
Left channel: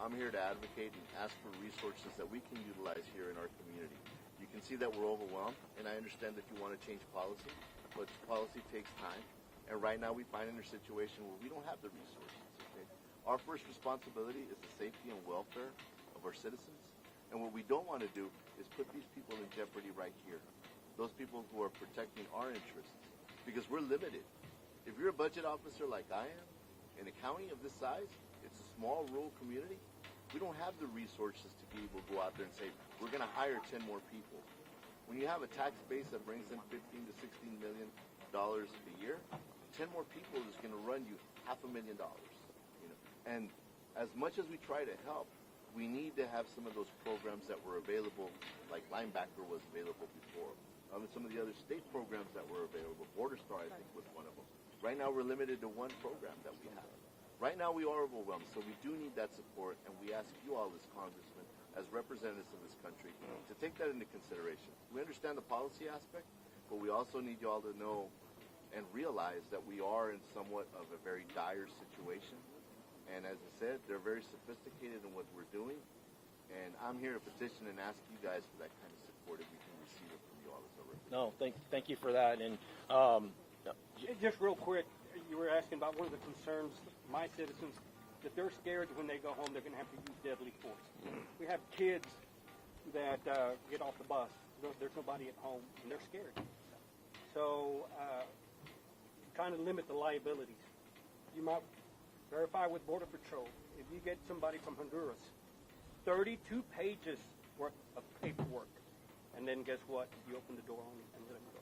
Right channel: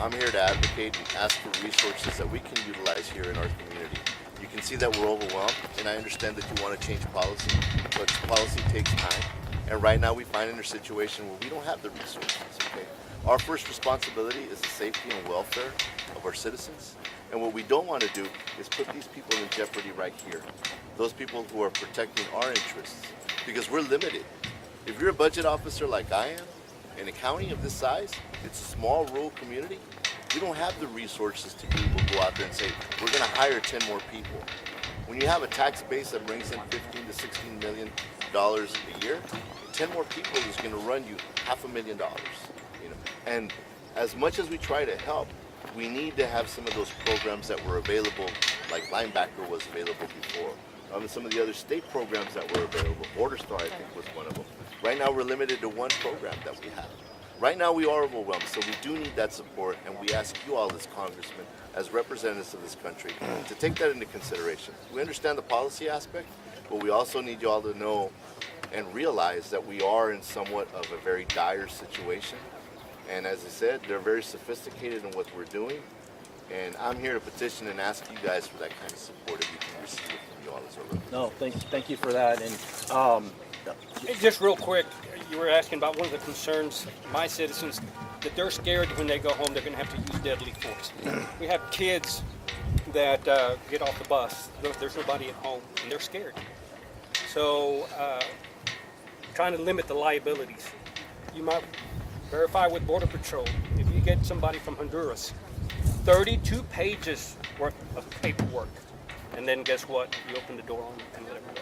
I'm here to advocate and ask for resources that we can utilize here in our community. You can see that we're overwhelmed, and I understand that you want to change policy, but policy takes time. And right now we find in a situation where we don't have the resources, okay? Our first responsibility is the safety and welfare of our citizens. And what we don't want to do is put these people in jeopardy right here. Those people who are protecting our interests, because we're limited. If you're a budget officer like I am, in a county of this size, it's a small rural community, we don't have the resources to be able to go out there and say, we're going to hire 10 more people. When you have a tax base that brings in $15 to $16 million a year, 10 more people is going to run you $500,000. And as much as we try to help, we need to have some of those programs that were available, like Linebacker was available before. Some of the other state programs that were available, Border Star I think was one of them. Right now we're limited to one program that we have. Right now we are overwhelmed, so we do need that support, and we ask you all as congressmen, as representatives of this country, to take that into consideration. We understand the policy aspect, but we also need you all to know and realize that we are in somewhat of a very dire situation. And as I said, they're very sophisticated in what we're doing. And I'm here to petition and ask you guys for that kind of support if you can receive it from you all as well. No, thank you for that. And Just real quick, you were asking about one of the concerns, my citizens, that they're scared when they go home they're going to have to use deadly force. We have kids that get off the bus, there's nobody at home, and they're scared. So trying to limit the liabilities. You might verify with Border Patrol. If you get somebody from Honduras, 32 pages worth of paperwork, and then guess what? You open the door on them and let them go.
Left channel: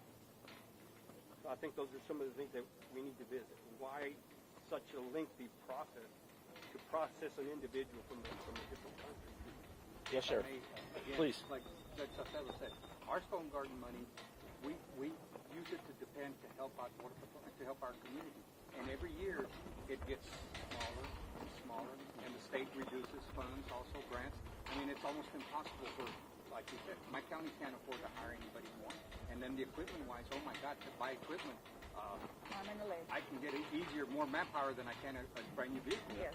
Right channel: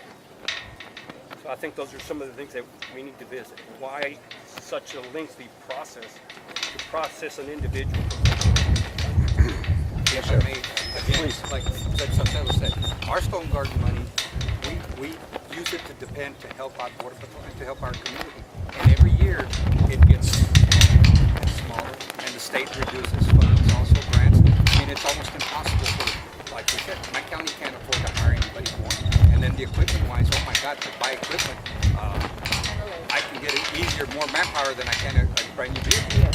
So I think those are some of the things that we need to visit. Why such a lengthy process to process an individual? Yes, I may, again, like Judge Salcedo said, our Stone Garden money, we use it to depend to help out Border Patrol and to help our community. And every year it gets smaller, and the state reduces funds, also grants. I mean, it's almost impossible for, like we said, my county can't afford to hire anybody more. And then the equipment-wise, oh my God, to buy equipment, I can get it easier, more manpower than I can a brand new vehicle.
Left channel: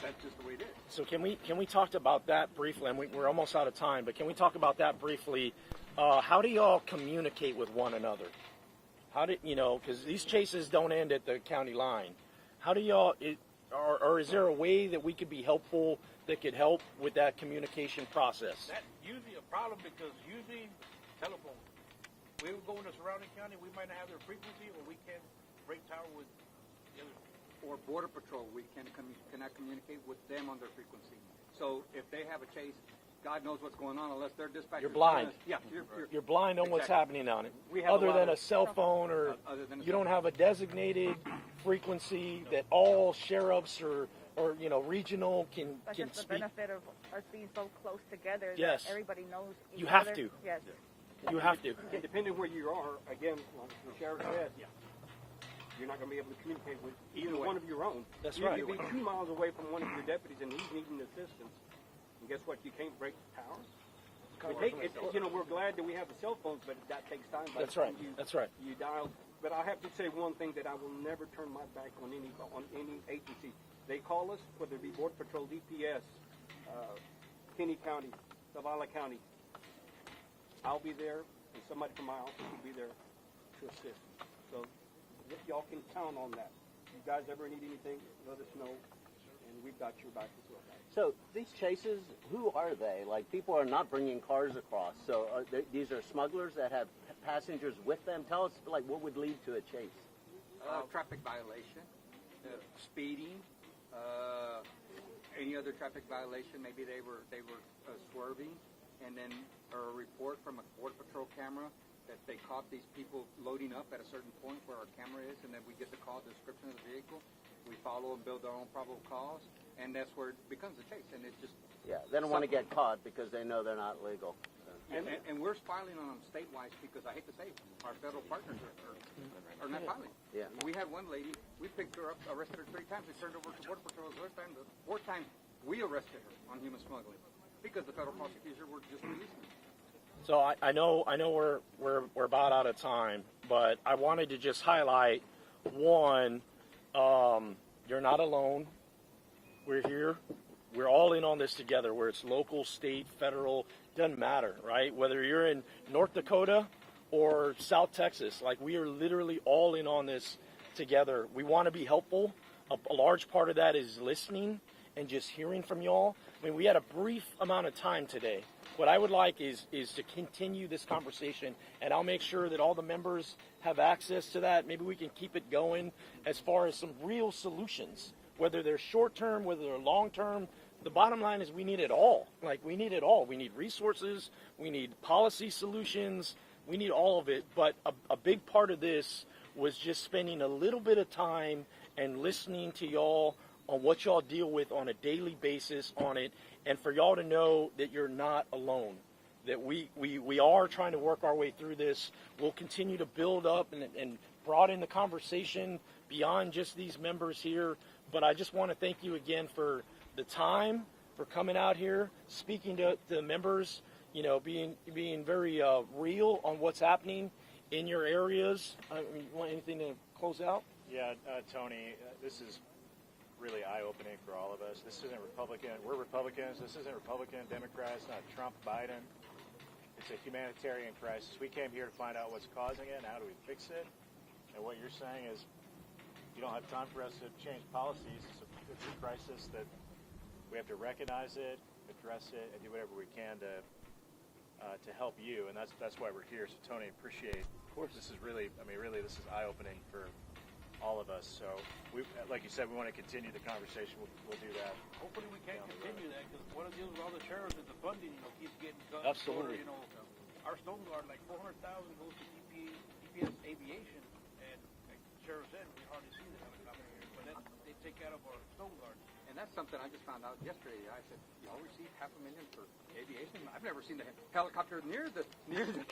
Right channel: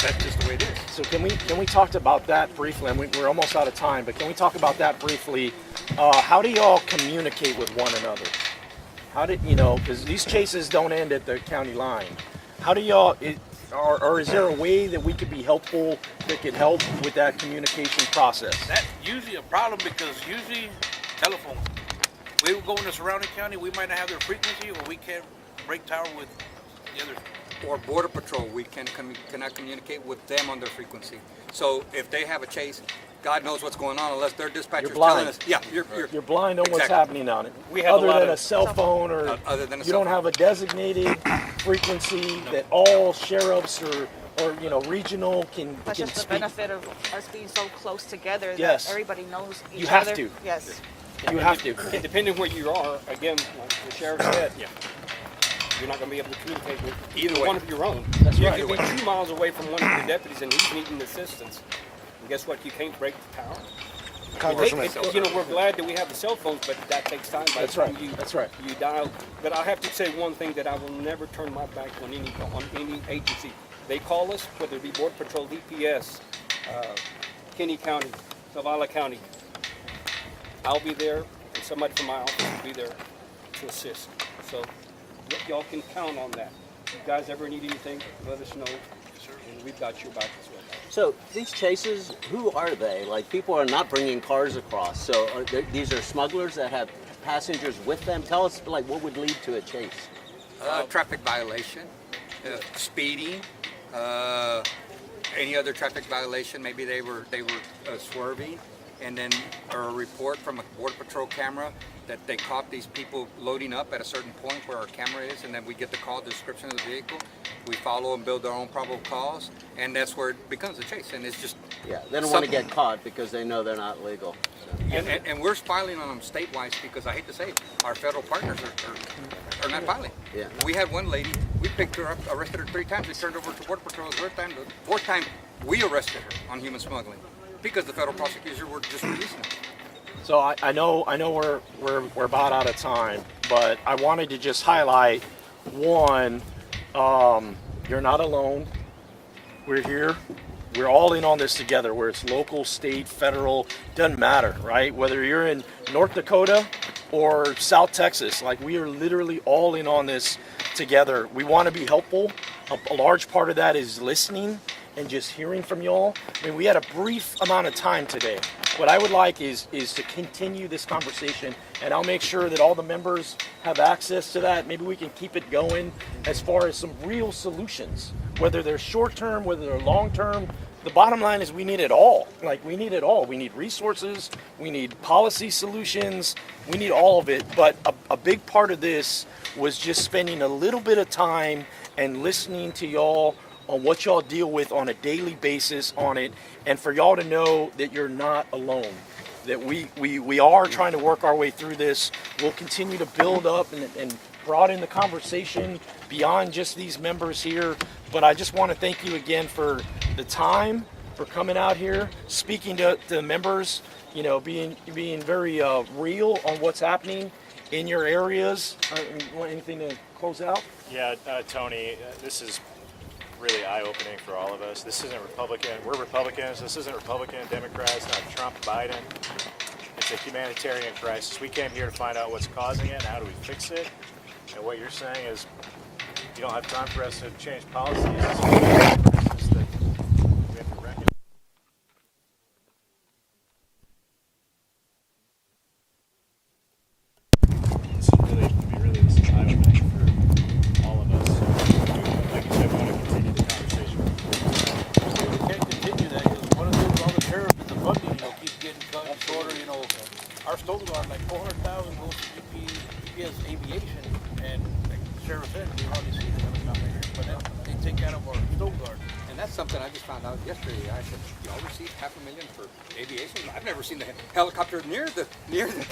That's just the way it is. so can we talk about that briefly? And we're almost out of time, but can we talk about that briefly? How do y'all communicate with one another? How did because these chases don't end at the county line? How do y'all? or is there a way that we could be helpful that could help with that communication process? That's usually a problem because usually telephone. We will go in the surrounding county, we might not have their frequency, or we can't break tower with the other. Or Border Patrol, we cannot communicate with them on their frequency. So if they have a chase, God knows what's going on unless their dispatcher's telling us. Yeah, You're blind on what's happening on it. We have other a lot than of- a cell phone, or other than a you cell don't have a designated frequency that all sheriffs or regional can That's just the speak. benefit of us being so close together Yes. that everybody knows each You have other. to. Yes. You have to. And depending where you are, again, like the sheriff said, you're not going to be able to communicate with either one of your own. That's you right. could be 2 miles away from one of your deputies and he's needing assistance. And guess what? You can't break the tower. Congressman. We're glad that we have the cell phones, but that takes time. By That's the time right. That's right. You dial. But I have to say one thing that I will never turn my back on any agency. They call us, whether it be Border Patrol, DPS, Kinney County, Zavala County. I'll be there, and somebody from my office will be there to assist. So y'all can count on that. If you guys ever need anything, let us know, and we've got your back as well. So these chases, who are they? Like, people are not bringing cars across. So these are smugglers that have passengers with them. Tell us, like, what would lead to a chase? Traffic violation, speeding, any other traffic violation. Maybe they were swerving, and then a report from a Border Patrol camera that they caught these people loading up at a certain point where our camera is, and then we get the call description of the vehicle. We follow and build our own probable cause, and that's where it becomes a chase. And it's just They don't want to get caught because they know they're not legal. and we're filing on them statewide because I hate to say it, our federal partners are not filing. Yeah. We had one lady, we picked her up, arrested her 3 times, we turned her over to Border Patrol the 4th time we arrested her on human smuggling because the federal prosecutors were just releasing her. So I know we're about out of time, but I wanted to just highlight one. You're not alone. We're here. We're all in on this together. Where it's local, state, federal, doesn't matter, right? Whether you're in North Dakota or South Texas, like, we are literally all in on this together. We want to be helpful. A large part of that is listening and just hearing from y'all. I mean, we had a brief amount of time today. What I would like is to continue this conversation, and I'll make sure that all the members have access to that. Maybe we can keep it going as far as some real solutions, whether they're short-term, whether they're long-term. The bottom line is we need it all. Like, we need it all. We need resources, we need policy solutions, we need all of it. But a big part of this was just spending a little bit of time and listening to y'all on what y'all deal with on a daily basis on it, and for y'all to know that you're not alone, that we are trying to work our way through this. We'll continue to build up and broaden the conversation beyond just these members here. But I just want to thank you again for the time, for coming out here, speaking to the members, being very real on what's happening in your areas. You want anything to close out? Yeah, Tony, this is really eye-opening for all of us. This isn't Republican. We're Republicans. This isn't Republican, Democrats, not Trump, Biden. It's a humanitarian crisis. We came here to find out what's causing it and how do we fix it. And what you're saying is you don't have time for us to change policies. It's just that we have to recognize it, address it, and do whatever we can to help you. And that's why we're here. So Tony, appreciate it. This is eye-opening for all of us. So, like you said, we want to continue the conversation. We can't continue that because one of the things on the sheriff is the funding, keeps getting cut and shorter. Our Stone Guard, like 400,000 goes to GPS Aviation, and like the sheriff said, we hardly see the helicopter here, but then they take out of our Stone Guard. And that's something I just found out yesterday. I said, y'all receive $500,000 for aviation? I've never seen the helicopter near the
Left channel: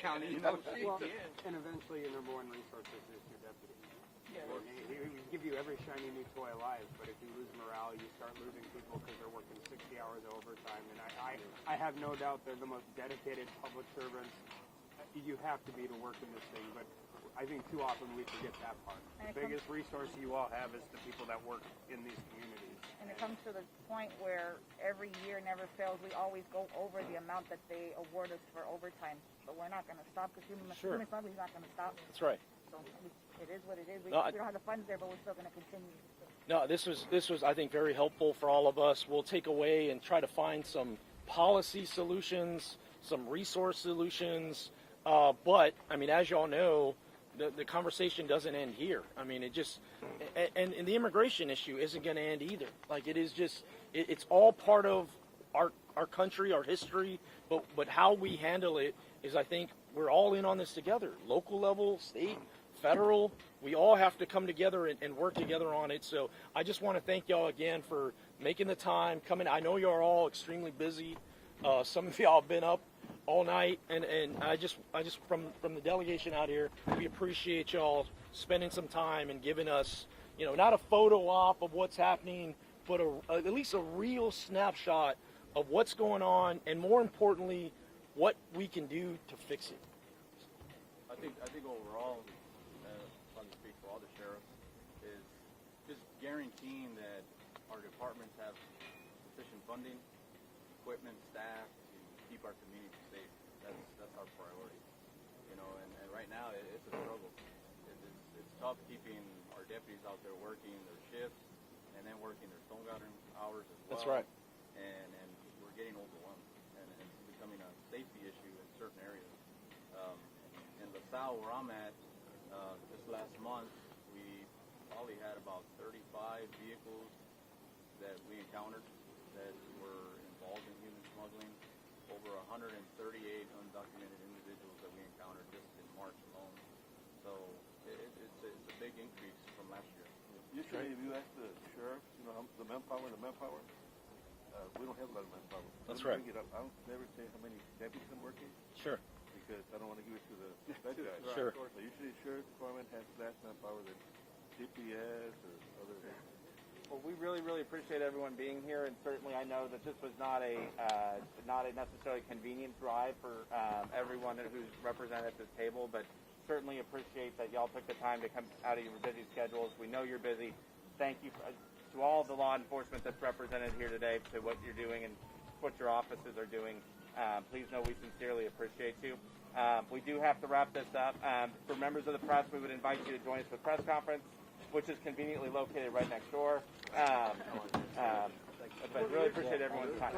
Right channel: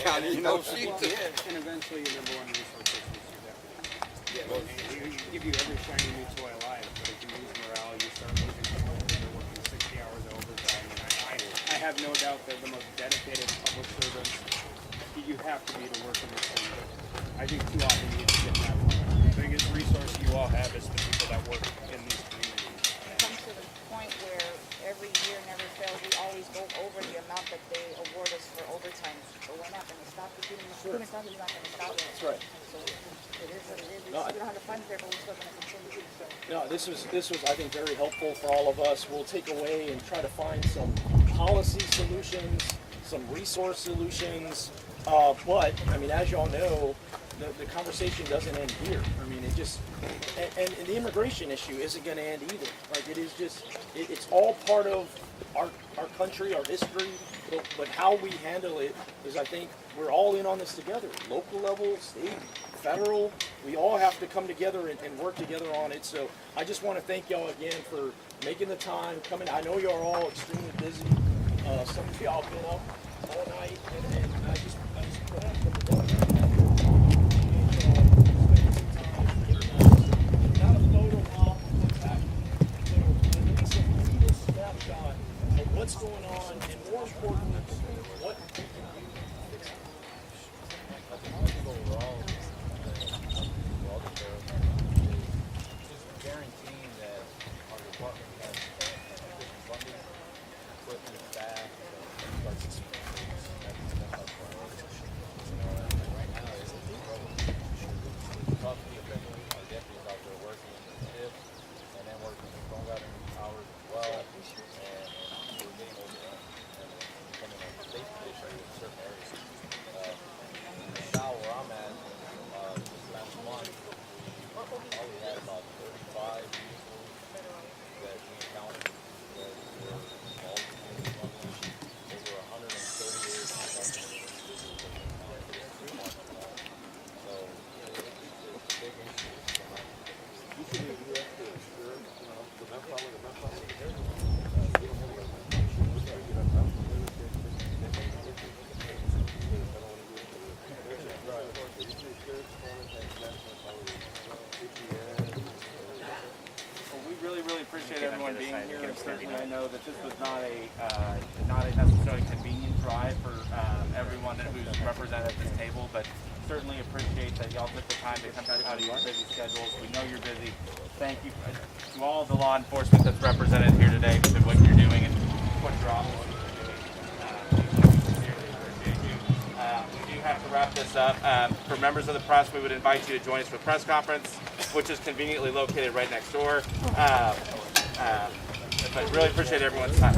county. And eventually your number one resource is your deputy. You give you every shiny new toy alive, but if you lose morale, you start losing people. You're working 60 hours overtime. And I have no doubt that the most dedicated public servants you have to be to work in this thing. But I think too often you get that part. The biggest resource you all have is the people that work in these communities. It comes to the point where every year never fails. We always go over the amount that they award us for overtime. But we're not going to stop. The human fund is not going to stop it. That's right. So it is what it is. We don't have the funds there, but we're still going to continue. So. No, this was I think very helpful for all of us. We'll take away and try to find some policy solutions, some resource solutions. But I mean, as y'all know, the conversation doesn't end here. I mean, it just and the immigration issue isn't going to end either. Like it is just it's all part of our country, our history. But how we handle it is, I think, we're all in on this together. Local level, state, federal, we all have to come together and work together on it. So I just want to thank y'all again for making the time, coming. I know you're all extremely busy. Some of y'all have been up all night, and I just from the delegation out here, we appreciate y'all spending some time and giving us, not a photo op of what's happening, but at least a real snapshot of what's going on, and more importantly, what we can do to fix it. I think one thing overall, all the sheriffs, is just guaranteeing that our department has sufficient funding, equipment, staff, like to see things. That's our priority. And right now it's a struggle. We talk to people, our deputies out there working shifts and then working long hours as well. That's right. And we're getting overdone. And becoming a safety issue in certain areas. Now where I'm at, this last month, we probably had about 35 vehicles that we encountered that were involved in smuggling. There were 138 individuals that we encountered for this 3 months alone. So it's a big issue. Usually you have to share, the manpower, that's right. Sure. We really appreciate everyone being here, and certainly I know that this was not a necessarily convenient drive for everyone who's represented at this table, but certainly appreciate that y'all took the time to come out of your busy schedules. We know you're busy. Thank you to all the law enforcement that's represented here today for what you're doing and what your officers are doing. We sincerely appreciate you. We do have to wrap this up. For members of the press, we would invite you to join us for a press conference, which is conveniently located right next door. I really appreciate everyone's time.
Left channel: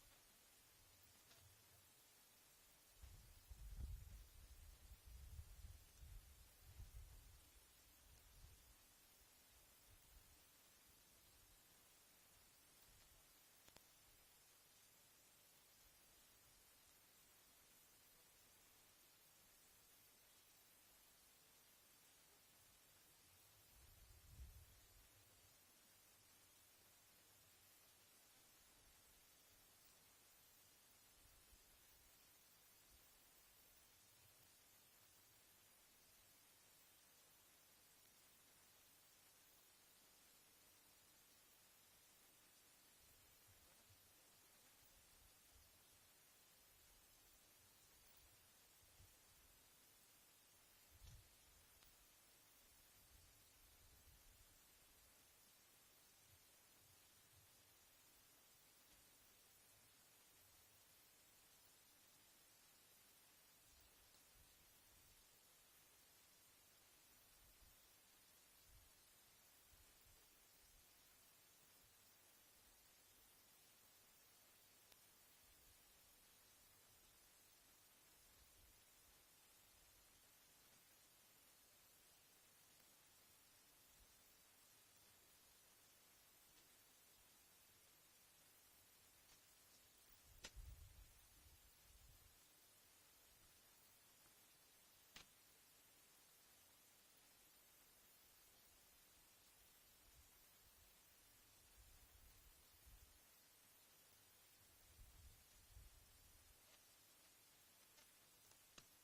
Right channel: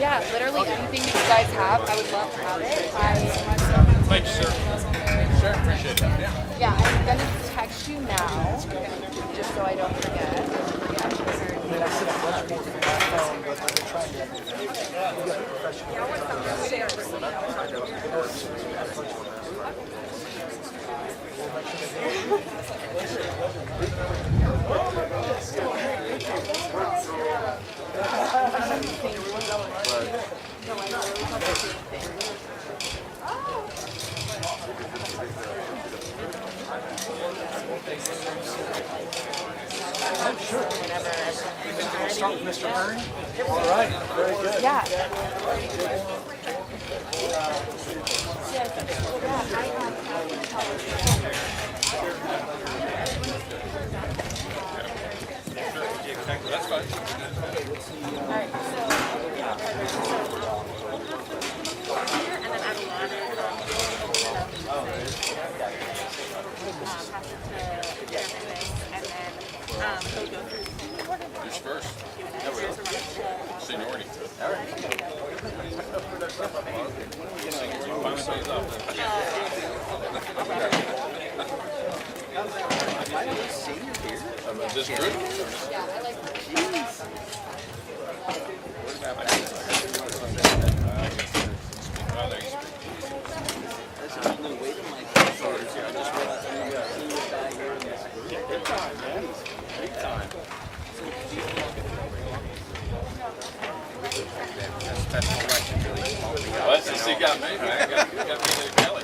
Yeah, literally anything that you guys have, I would love to have it. Thank you, sir. Sure, appreciate that. Yeah, I'm gonna text you now, just so I don't forget. Start with Mr. Hearn. All right, very good. Yeah. That's fine. Who's first? Seniority. All right. This group? Yeah, I like Well, that's just you got me, man. You got me to Kelly.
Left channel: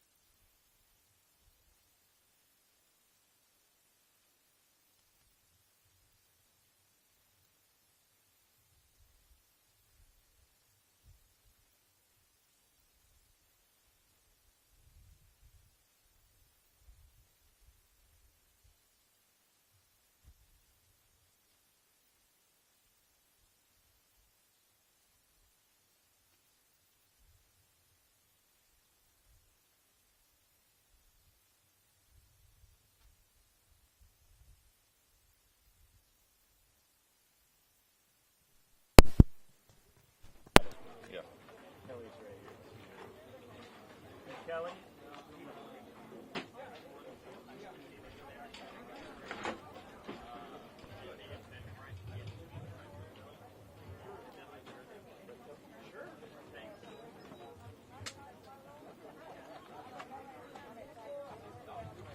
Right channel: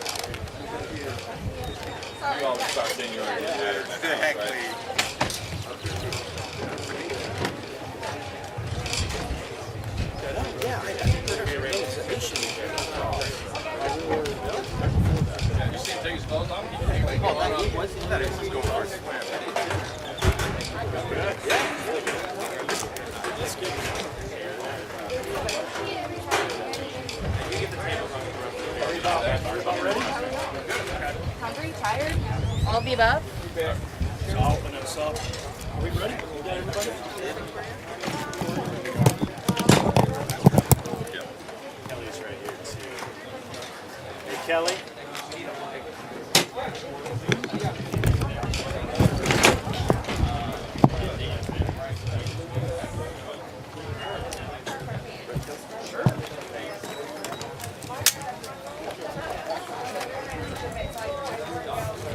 wave up? So I'll open us up. Are we ready? We got everybody? Kelly's right here too. Hey, Kelly.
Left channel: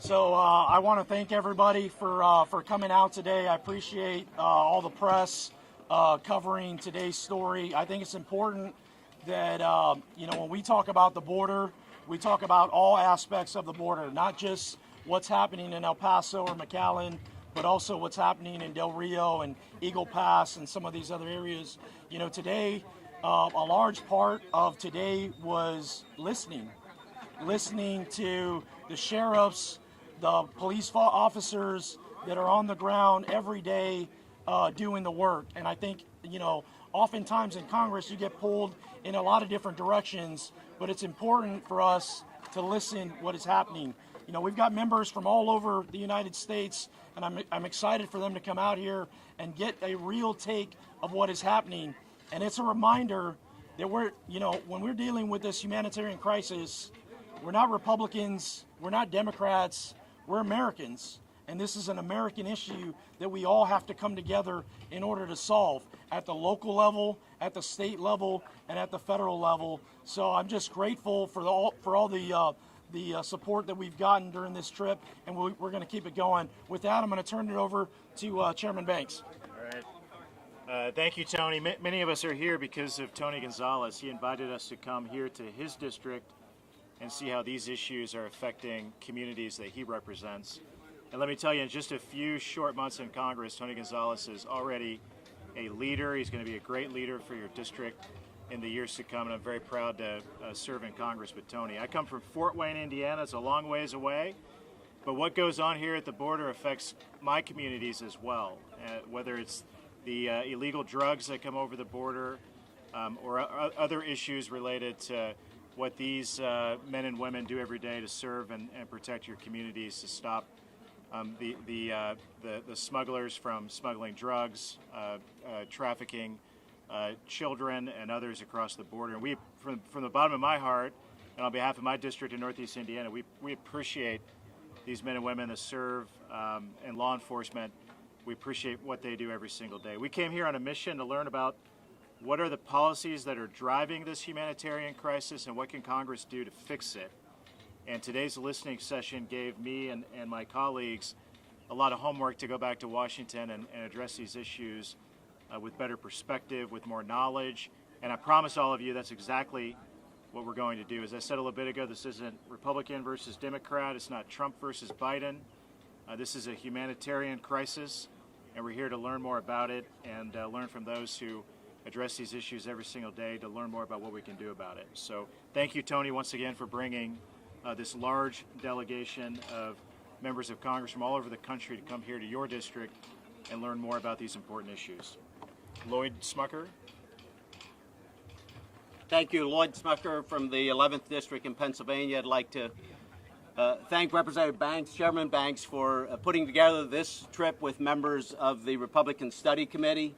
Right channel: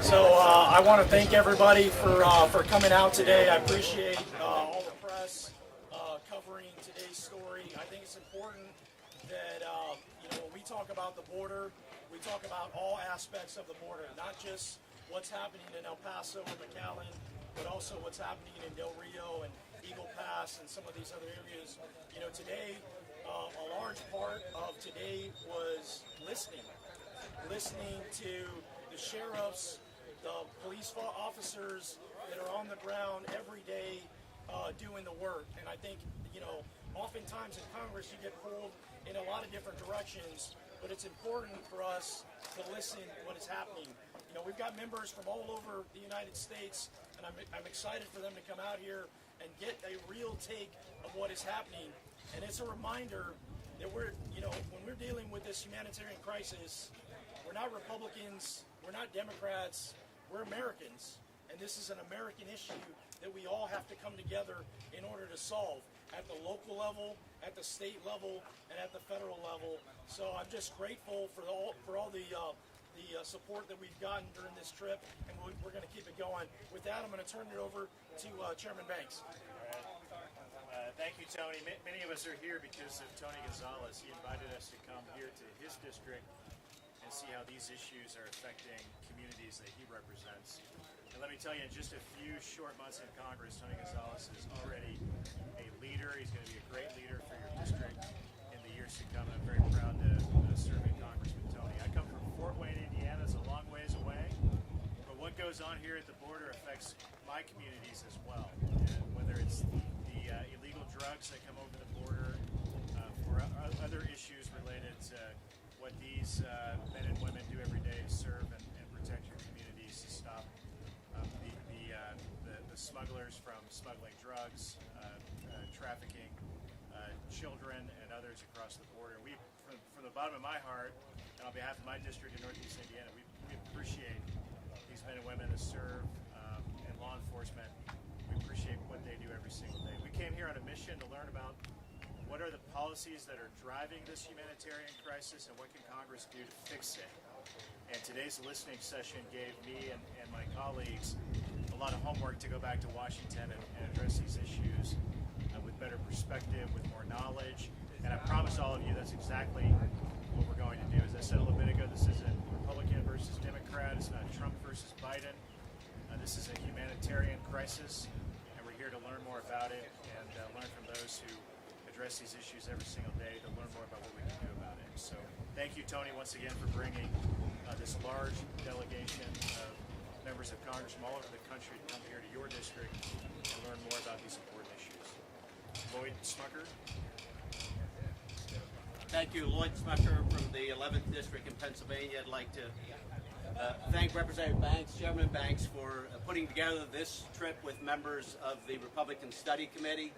So I want to thank everybody for coming out today. I appreciate all the press covering today's story. I think it's important that when we talk about the border, we talk about all aspects of the border, not just what's happening in El Paso or McAllen, but also what's happening in Del Rio and Eagle Pass and some of these other areas. Today, a large part of today was listening to the sheriffs, the police officers that are on the ground every day doing the work. And I think, oftentimes in Congress you get pulled in a lot of different directions, but it's important for us to listen what is happening. We've got members from all over the United States, and I'm excited for them to come out here and get a real take of what is happening. And it's a reminder that when we're dealing with this humanitarian crisis, we're not Republicans, we're not Democrats, we're Americans. And this is an American issue that we all have to come together in order to solve at the local level, at the state level, and at the federal level. So I'm just grateful for all the support that we've gotten during this trip, and we're going to keep it going. With that, I'm going to turn it over to Chairman Banks. All right. Thank you, Tony. Many of us are here because of Tony Gonzales. He invited us to come here to his district and see how these issues are affecting communities that he represents. And let me tell you, in just a few short months in Congress, Tony Gonzales is already a leader. He's going to be a great leader for your district in the years to come, and I'm very proud to serve in Congress with Tony. I come from Fort Wayne, Indiana. It's a long ways away, but what goes on here at the border affects my communities as well, whether it's the illegal drugs that come over the border or other issues related to what these men and women do every day to serve and protect your communities, to stop the smugglers from smuggling drugs, trafficking children and others across the border. And we, from the bottom of my heart, and on behalf of my district in Northeast Indiana, we appreciate these men and women that serve in law enforcement. We appreciate what they do every single day. We came here on a mission to learn about what are the policies that are driving this humanitarian crisis and what can Congress do to fix it. And today's listening session gave me and my colleagues a lot of homework to go back to Washington and address these issues with better perspective, with more knowledge. And I promise all of you that's exactly what we're going to do. As I said a little bit ago, this isn't Republican versus Democrat. It's not Trump versus Biden. This is a humanitarian crisis, and we're here to learn more about it and learn from those who address these issues every single day, to learn more about what we can do about it. So thank you, Tony, once again for bringing this large delegation of members of Congress from all over the country to come here to your district and learn more about these important issues. Lloyd Smucker. Thank you, Lloyd Smucker from the 11th District in Pennsylvania. I'd like to thank Representative Banks, Chairman Banks, for putting together this trip with members of the Republican Study Committee.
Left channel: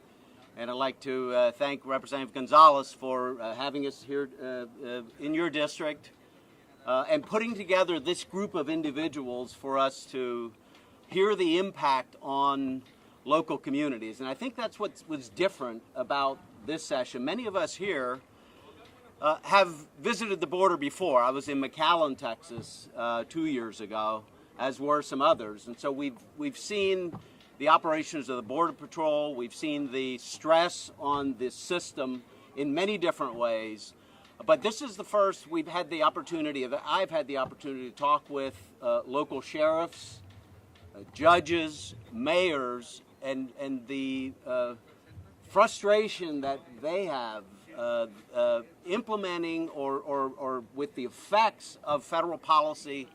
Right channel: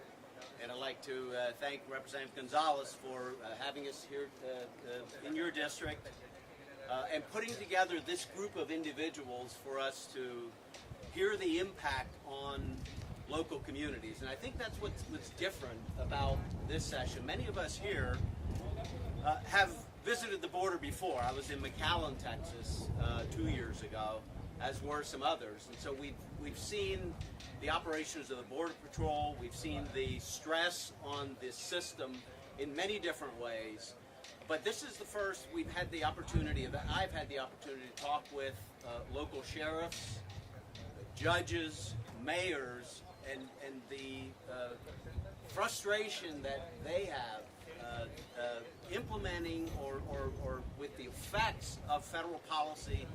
And I'd like to thank Representative Gonzales for having us here in your district and putting together this group of individuals for us to hear the impact on local communities. And I think that's what was different about this session. Many of us here have visited the border before. I was in McAllen, Texas 2 years ago, as were some others. And so we've seen the operations of the Border Patrol. We've seen the stress on this system in many different ways. But this is the first I've had the opportunity to talk with local sheriffs, judges, mayors, and the frustration that they have implementing or with the effects of federal policy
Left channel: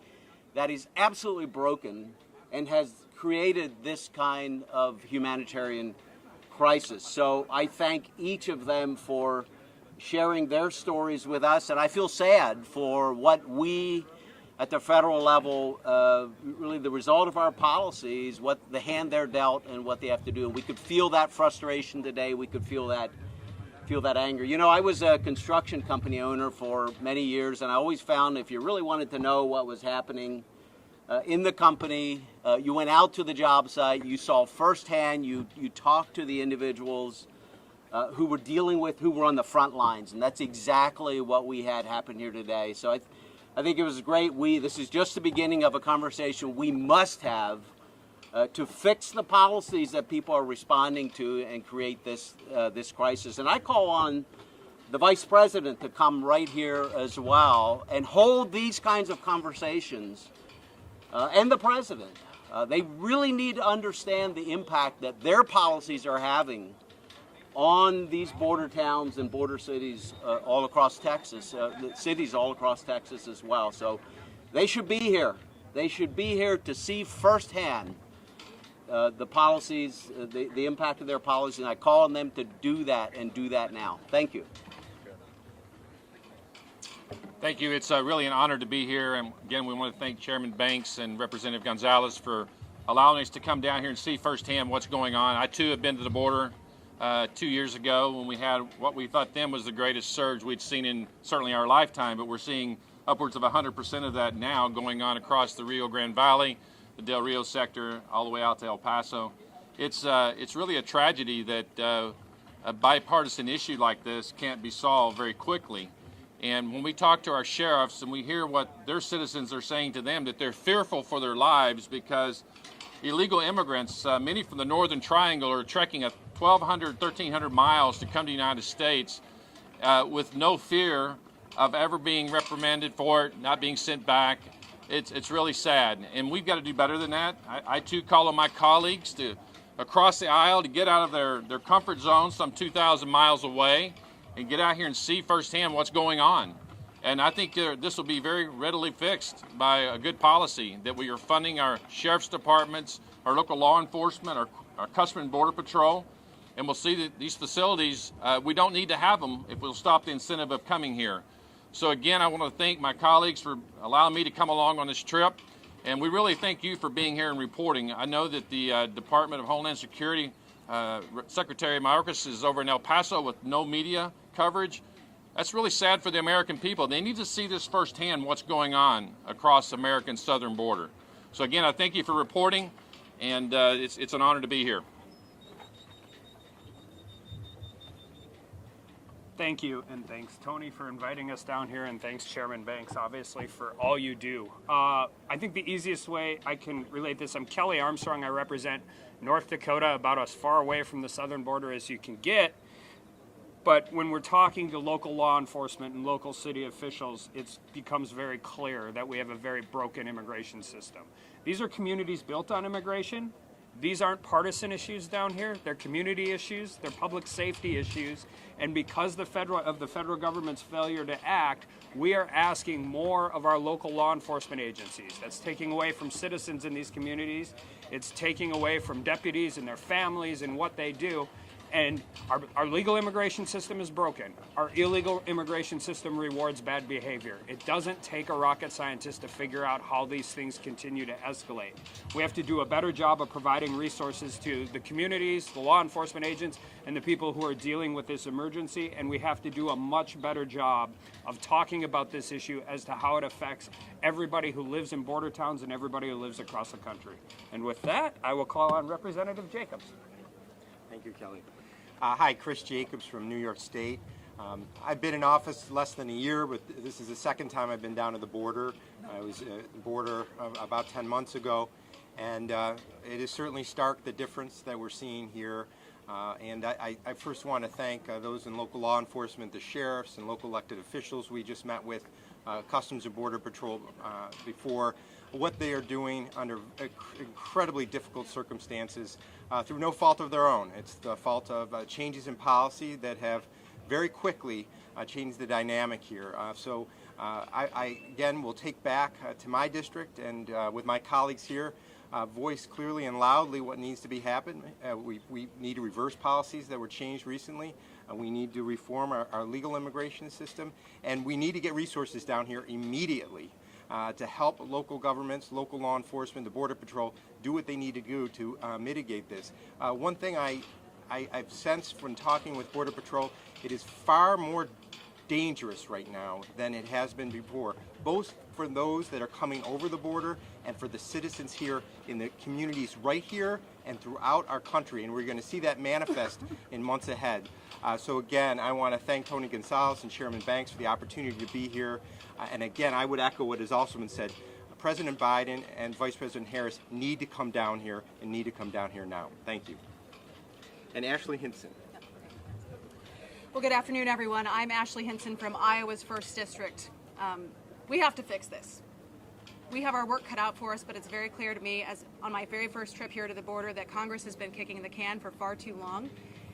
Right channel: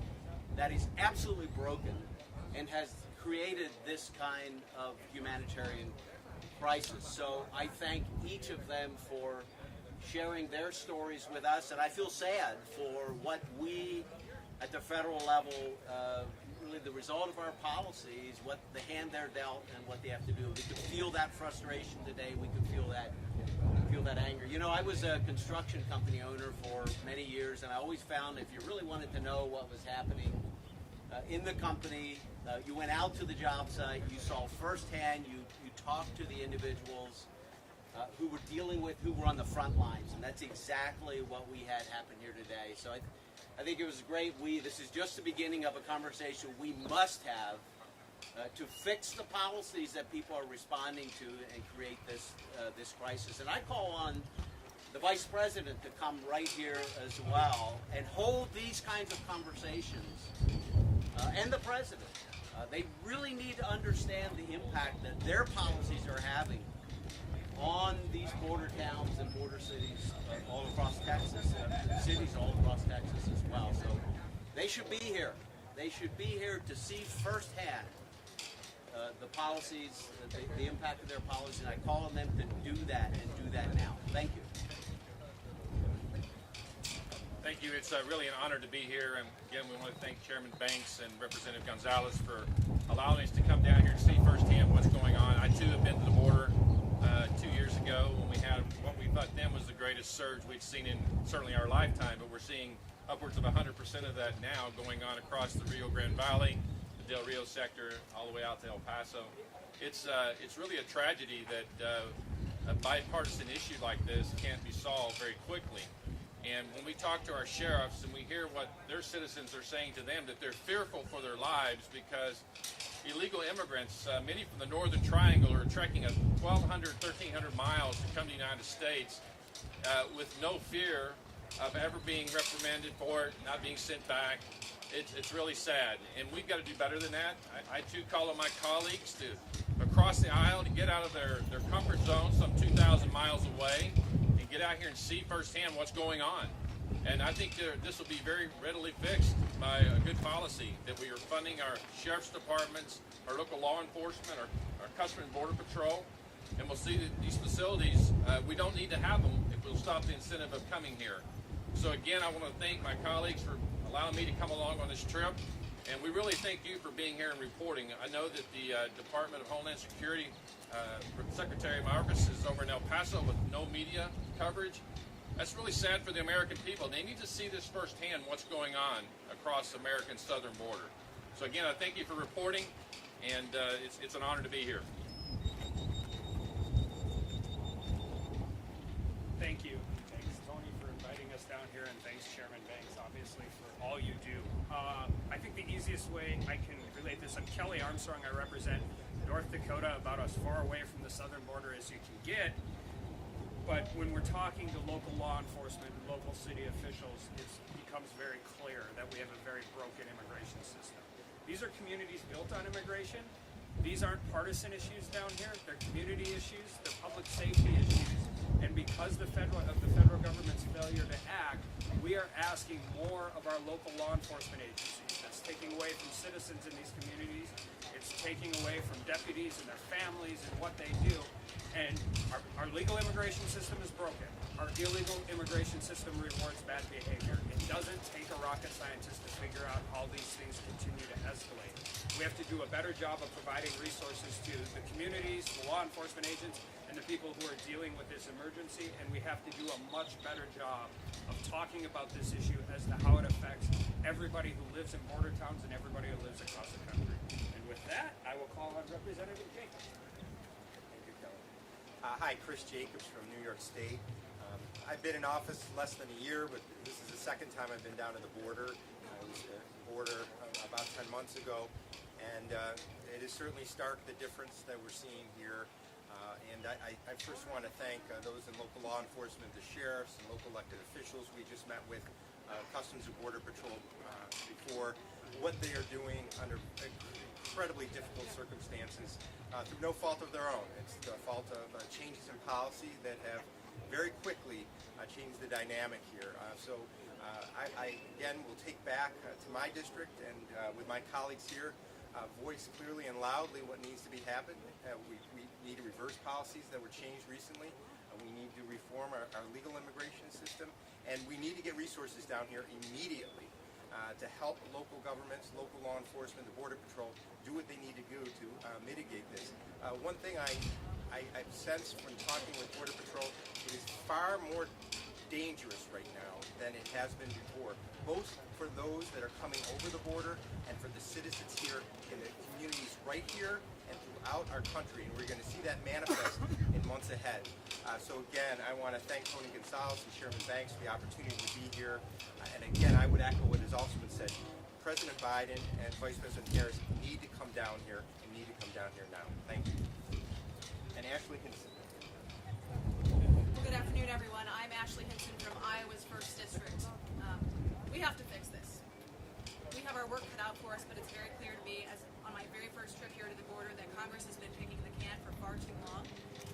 that is absolutely broken and has created this kind of humanitarian crisis. So I thank each of them for sharing their stories with us, and I feel sad for what we at the federal level, really the result of our policies, what the hand they're dealt and what they have to do. And we could feel that frustration today. We could feel that anger. You know, I was a construction company owner for many years, and I always found if you really wanted to know what was happening in the company, you went out to the job site, you saw firsthand, you talked to the individuals who were on the front lines, and that's exactly what we had happen here today. So I think it was great. This is just the beginning of a conversation we must have to fix the policies that people are responding to and create this crisis. And I call on the Vice President to come right here as well and hold these kinds of conversations, and the President. They really need to understand the impact that their policies are having on these border towns and border cities all across Texas, cities all across Texas as well. So they should be here. They should be here to see firsthand the policies, the impact of their policies, and I call on them to do that and do that now. Thank you. Thank you. It's really an honor to be here. And again, we want to thank Chairman Banks and Representative Gonzales for allowing us to come down here and see firsthand what's going on. I too have been to the border 2 years ago when we had what we thought then was the greatest surge we'd seen in certainly our lifetime, but we're seeing upwards of 100% of that now going on across the Rio Grande Valley, the Del Rio sector, all the way out to El Paso. It's really a tragedy that a bipartisan issue like this can't be solved very quickly. And when we talk to our sheriffs and we hear what their citizens are saying to them, that they're fearful for their lives because illegal immigrants, many from the Northern Triangle, are trekking 1,200, 1,300 miles to come to the United States with no fear of ever being reprimanded for it, not being sent back. It's really sad, and we've got to do better than that. I too call on my colleagues to across the aisle to get out of their comfort zone some 2,000 miles away and get out here and see firsthand what's going on. And I think this will be very readily fixed by a good policy that we are funding our sheriff's departments, our local law enforcement, our Customs and Border Patrol, and we'll see that these facilities, we don't need to have them if we'll stop the incentive of coming here. So again, I want to thank my colleagues for allowing me to come along on this trip, and we really thank you for being here and reporting. I know that the Department of Homeland Security Secretary Mayorkas is over in El Paso with no media coverage. That's really sad for the American people. They need to see this firsthand, what's going on across American southern border. So again, I thank you for reporting, and it's an honor to be here. Thank you, and thanks Tony for inviting us down here, and thanks Chairman Banks obviously for all you do. I think the easiest way I can relate this, I'm Kelly Armstrong. I represent North Dakota, about as far away from the southern border as you can get. But when we're talking to local law enforcement and local city officials, it becomes very clear that we have a very broken immigration system. These are communities built on immigration. These aren't partisan issues down here. They're community issues. They're public safety issues. And because the federal government's failure to act, we are asking more of our local law enforcement agencies. That's taking away from citizens in these communities. It's taking away from deputies and their families and what they do. And our legal immigration system is broken. Our illegal immigration system rewards bad behavior. It doesn't take a rocket scientist to figure out how these things continue to escalate. We have to do a better job of providing resources to the communities, the law enforcement agents, and the people who are dealing with this emergency, and we have to do a much better job of talking about this issue as to how it affects everybody who lives in border towns and everybody who lives across the country. And with that, I will call on Representative Jacobs. Thank you, Kelly. Hi, Chris Jacobs from New York State. I've been in office less than a year, but this is the second time I've been down to the border. I was at the border about 10 months ago, and it is certainly stark, the difference that we're seeing here. And I first want to thank those in local law enforcement, the sheriffs and local elected officials we just met with, Customs and Border Patrol before, what they are doing under incredibly difficult circumstances through no fault of their own. It's the fault of changes in policy that have very quickly changed the dynamic here. So I again will take back to my district and with my colleagues here, voice clearly and loudly what needs to be happened. We need to reverse policies that were changed recently. We need to reform our legal immigration system, and we need to get resources down here immediately to help local governments, local law enforcement, the Border Patrol do what they need to do to mitigate this. One thing I've sensed when talking with Border Patrol, it is far more dangerous right now than it has been before, both for those that are coming over the border and for the citizens here in the communities right here and throughout our country, and we're going to see that manifest in months ahead. So again, I want to thank Tony Gonzales and Chairman Banks for the opportunity to be here. And again, I would echo what has also been said. President Biden and Vice President Harris need to come down here and need to come down here now. Thank you. And Ashley Hinson. Well, good afternoon, everyone. I'm Ashley Hinson from Iowa's 1st District. We have to fix this. We have our work cut out for us, but it's very clear to me, as on my very first trip here to the border, that Congress has been kicking the can for far too long.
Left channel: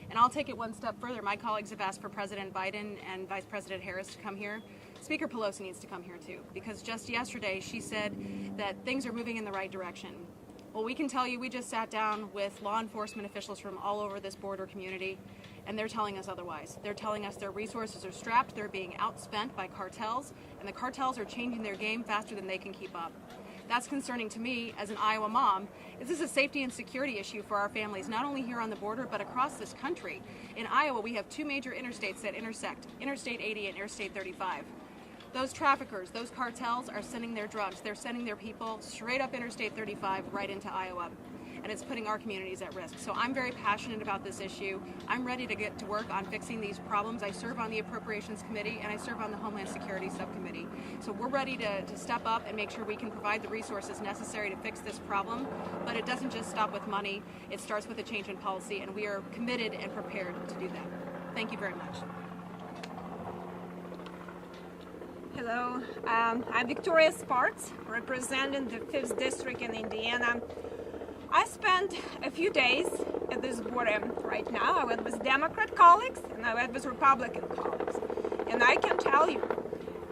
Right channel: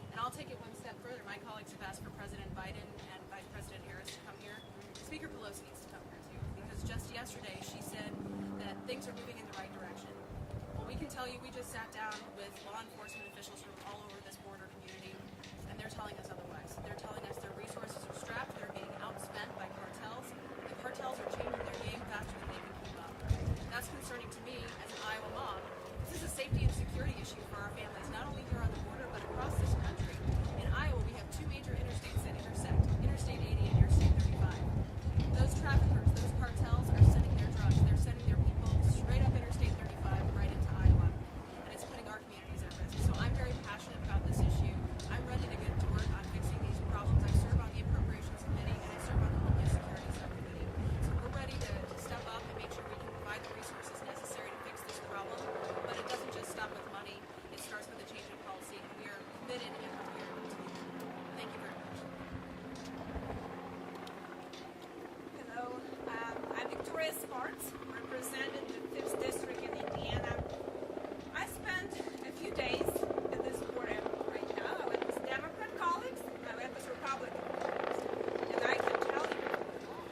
And I'll take it one step further. My colleagues have asked for President Biden and Vice President Harris to come here. Speaker Pelosi needs to come here too, because just yesterday she said that things are moving in the right direction. Well, we can tell you we just sat down with law enforcement officials from all over this border community, and they're telling us otherwise. They're telling us their resources are strapped, they're being outspent by cartels, and the cartels are changing their game faster than they can keep up. That's concerning to me as an Iowa mom. This is a safety and security issue for our families, not only here on the border, but across this country. In Iowa, we have 2 major interstates that intersect, Interstate 80 and Interstate 35. Those traffickers, those cartels are sending their drugs, they're sending their people straight up Interstate 35 right into Iowa. And it's putting our communities at risk. So I'm very passionate about this issue. I'm ready to get to work on fixing these problems. I serve on the Appropriations Committee and I serve on the Homeland Security Subcommittee. So we're ready to step up and make sure we can provide the resources necessary to fix this problem. But it doesn't just stop with money. It starts with a change in policy, and we are committed and prepared to do that. Thank you very much. Hello, I'm Victoria Sparks, representing the 5th District in Indiana. I spent a few days at this border right now. I went with Democrat colleagues and I went with Republican colleagues. And I can tell you,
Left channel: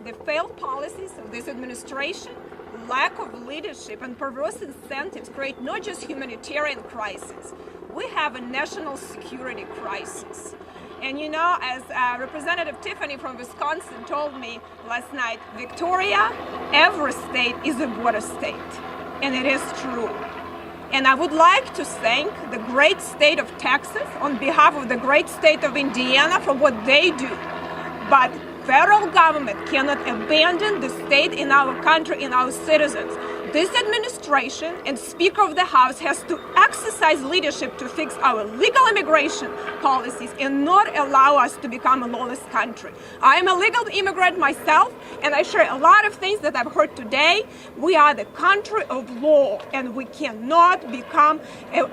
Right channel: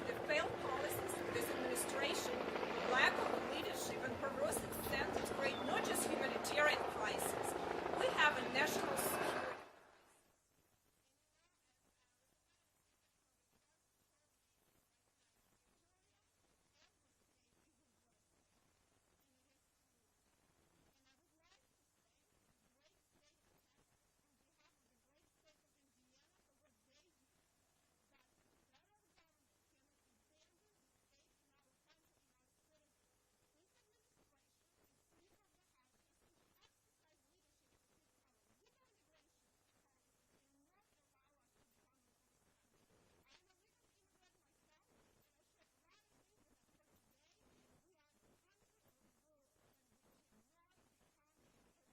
the failed policies of this administration, lack of leadership and perverse incentives create not just humanitarian crisis, we have a national security crisis. And you know, as Representative Tiffany from Wisconsin told me last night, Victoria, every state is a border state. And it is true. And I would like to thank the great state of Texas on behalf of the great state of Indiana for what they do. But federal government cannot abandon the state in our country, in our citizens. This administration and Speaker of the House has to exercise leadership to fix our legal immigration policies and not allow us to become a lawless country. I am a legal immigrant myself, and I share a lot of things that I've heard today. We are the country of law, and we cannot become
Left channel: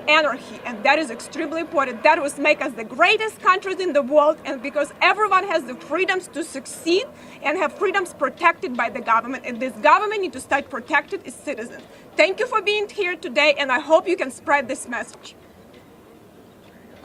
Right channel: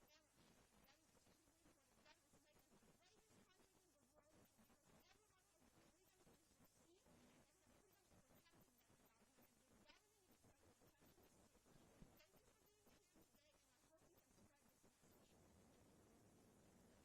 anarchy, and that is extremely important. That will make us the greatest countries in the world, and because everyone has the freedoms to succeed and have freedoms protected by the government, and this government needs to start protecting its citizens. Thank you for being here today, and I hope you can spread this message.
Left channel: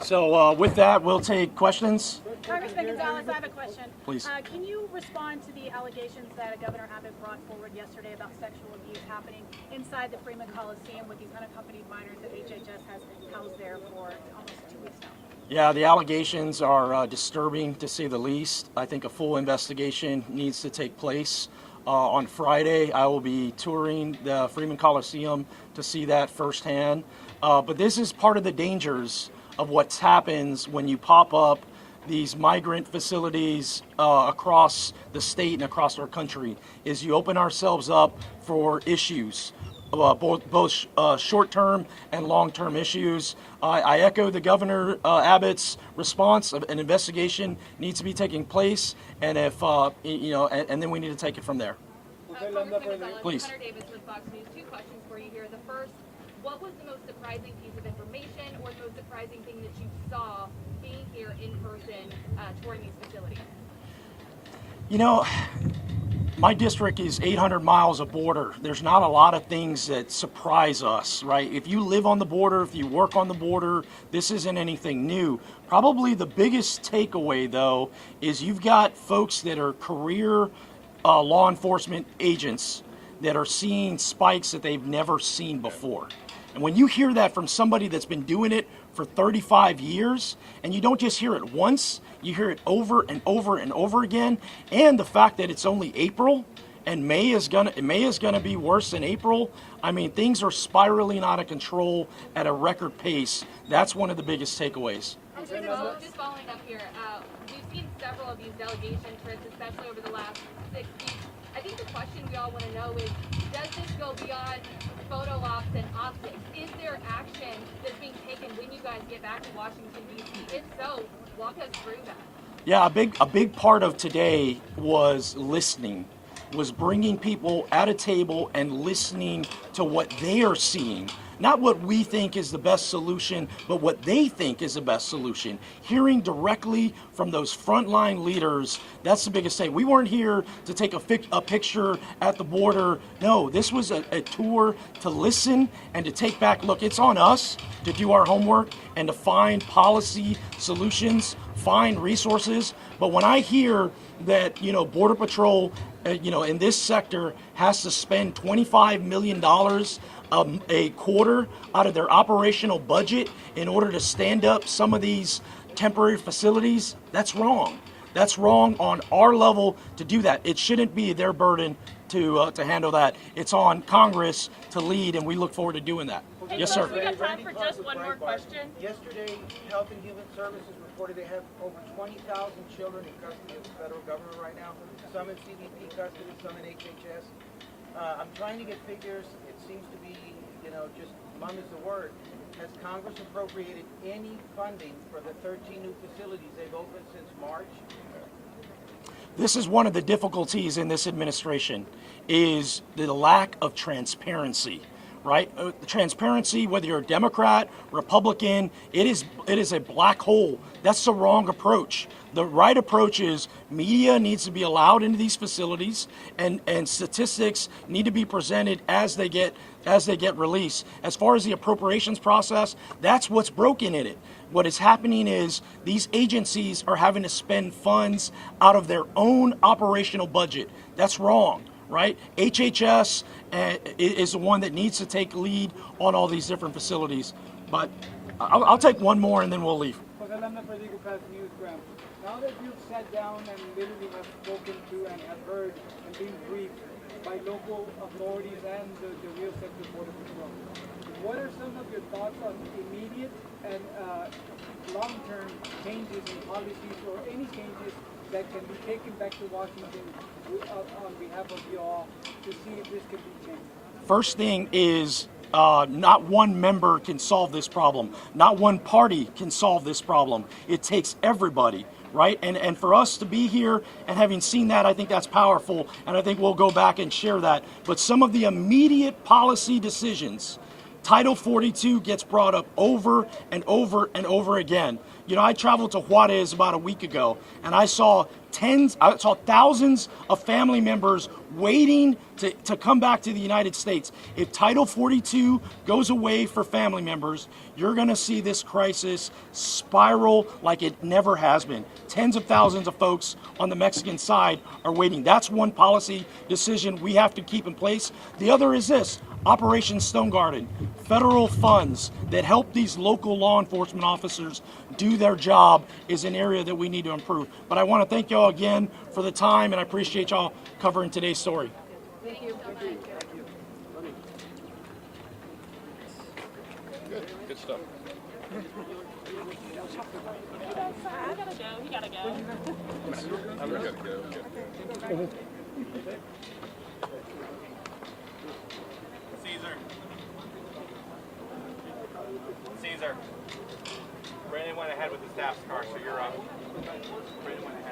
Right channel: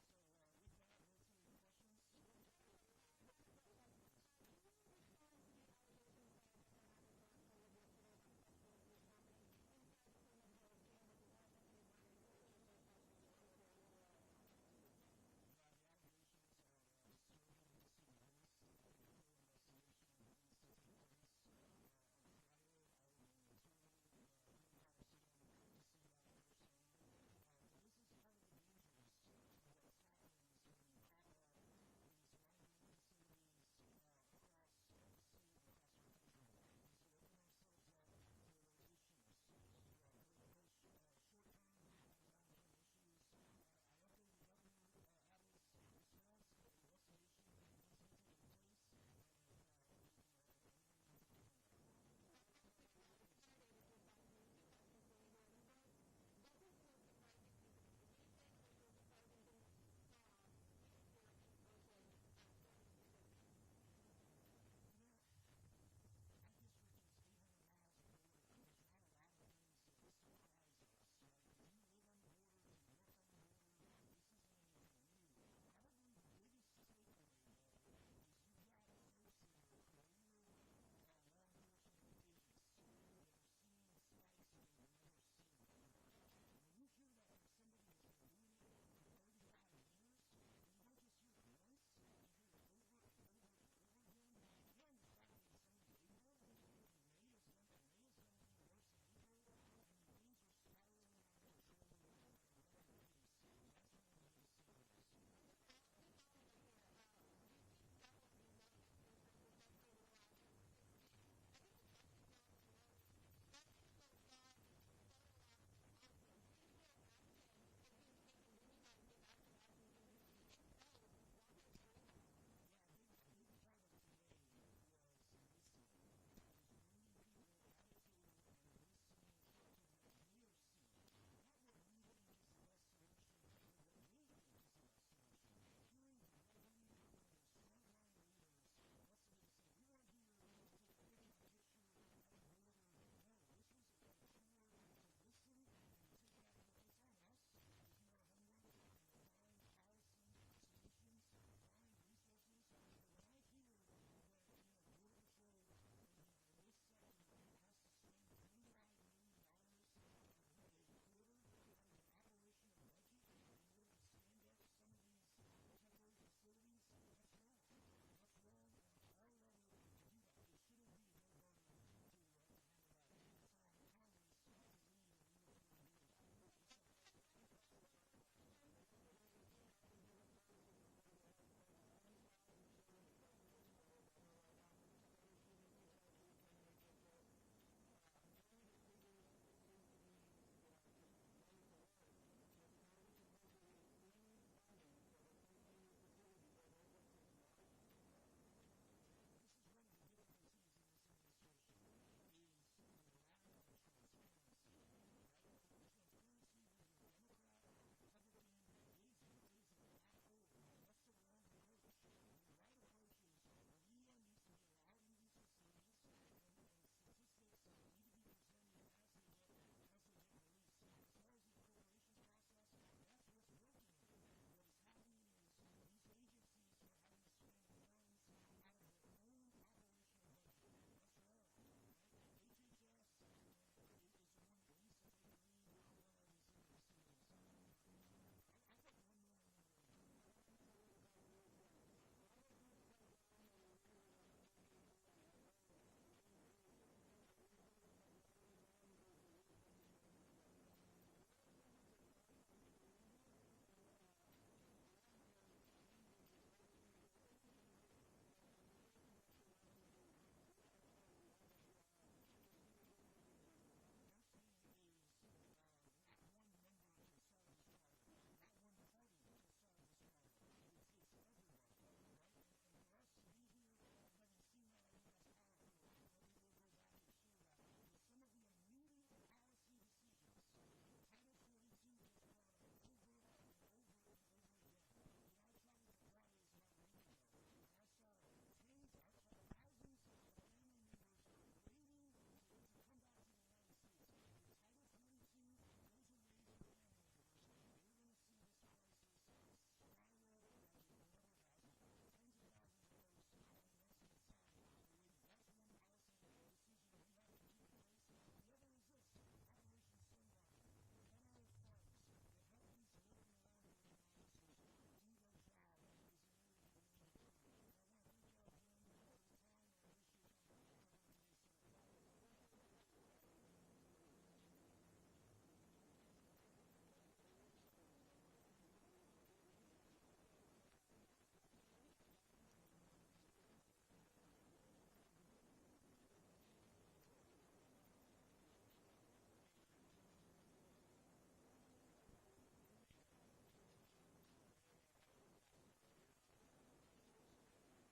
So with that, we'll take questions. Congressman Gonzales, I have a question. Please. Can you respond to the allegations that Governor Abbott brought forward yesterday about sexual abuse happening inside the Freeman Coliseum with these unaccompanied minors that HHS has housed there for almost 2 weeks now? Yeah, the allegations are disturbing, to say the least. I think a full investigation needs to take place. On Friday, I will be touring the Freeman Coliseum to see that firsthand. But this is part of the dangers of what happens when you pop up these migrant facilities across the state and across our country, is you open ourselves up for issues. Both short-term and long-term issues. I echo the Governor Abbott's response. An investigation needs to be taking place, and if and then we need to take it from there. Please. Hunter Davis with Fox News. 2 questions for you here. The first, what was the most surprising piece of information, or the most surprising thing that you saw being here in person touring these facilities? You know, my district is 800 miles of border. There's not a lot of things that surprise us, right? If you live on the border, if you work on the border, this isn't anything new. Probably the biggest takeaway, though, is you've got folks that are career law enforcement agents that are seeing spikes that they've never seen before. And when you hear that from somebody that's been doing it for 35 years, and you don't just hear it once, you hear it over and over and over again, and the fact that it's only April and May is gonna be worse than April. I mean, things are spiraling out of control at a record pace. That's one of the biggest takeaways. Just following up here, we've seen several of these delegation trips, especially over the last 6 weeks. I think the question we all want to know is, does this go beyond photo ops and optics? Is there action that's being taken when you guys get back to Washington, D.C.? If so, walk us through that. Yeah, a big part of today was listening, was bringing people at a table and listening to what they are seeing. Not what we think is the best solution, but what they think is the best solution. Hearing directly from those frontline leaders, that's the biggest thing. We weren't here to take a picture at the border. No, this was a tour to listen and to take back. Look, it's on us to do our homework and to find policy solutions, find resources. But when I hear that, Border Patrol, in this sector has to spend $25 million a quarter out of their operational budget in order to stand up some of these temporary facilities, that's wrong. That's wrong on our level to do that. It shouldn't be their burden to handle that. It's on Congress to lead, and we look forward to doing that. Hey, yes, sir. We got time for just one more question. Yesterday, Health and Human Services reported they have over 20,000 children in custody of the federal government right now. Some in CBP custody, some in HHS. I'm trying to get figures. It seems to be, just mum is the word. Has Congress appropriated any funding for the 13 new facilities they've opened since March? This is one of the difficulties in this administration, is the lack of transparency. Right? Transparency, whether you're a Democrat, Republican, it is a black hole. That's the wrong approach. The right approach is media needs to be allowed into these facilities, and statistics need to be presented as they get released. As far as the appropriations process, that's what's broken in it. What is happening is these agencies are having to spend funds out of their own operational budget. That's wrong. Right? HHS is the one that needs to take lead on all these different facilities. But I'll take one more and then we'll leave. Now that you've sat down and literally have spoken to and have heard and been briefed by local authorities and the real sector Border Patrol, what are some of your thoughts on immediate and long-term changes in policies or any changes that can be taken back to Washington on behalf of you all to see if this can be changed? First thing is not one member can solve this problem. Not one party can solve this problem. It takes everybody, right? And for us to be here and having seen that, I think that's powerful, and I think we'll go back and share that. But some of the immediate policy decisions, Title 42 gets brought up over and over and over again. I traveled to Juarez about a week ago, and I saw thousands of family members waiting to come back to the United States. If Title 42 goes away for family members, you're going to see this crisis spiral like it never has been. Tens of thousands of folks on the Mexican side are waiting. That's one policy decision we have to keep in place. The other is this: Operation Stone Garden, federal funds that help these local law enforcement officers do their job is an area that we need to improve. But I want to thank y'all again for the time, and I appreciate y'all covering today's story. Thank you so much. Good stuff. I gotta go. You gotta go. I'm gonna go. Caesar. Brandon went ahead with the staff's car, so you're up. Brandon went ahead.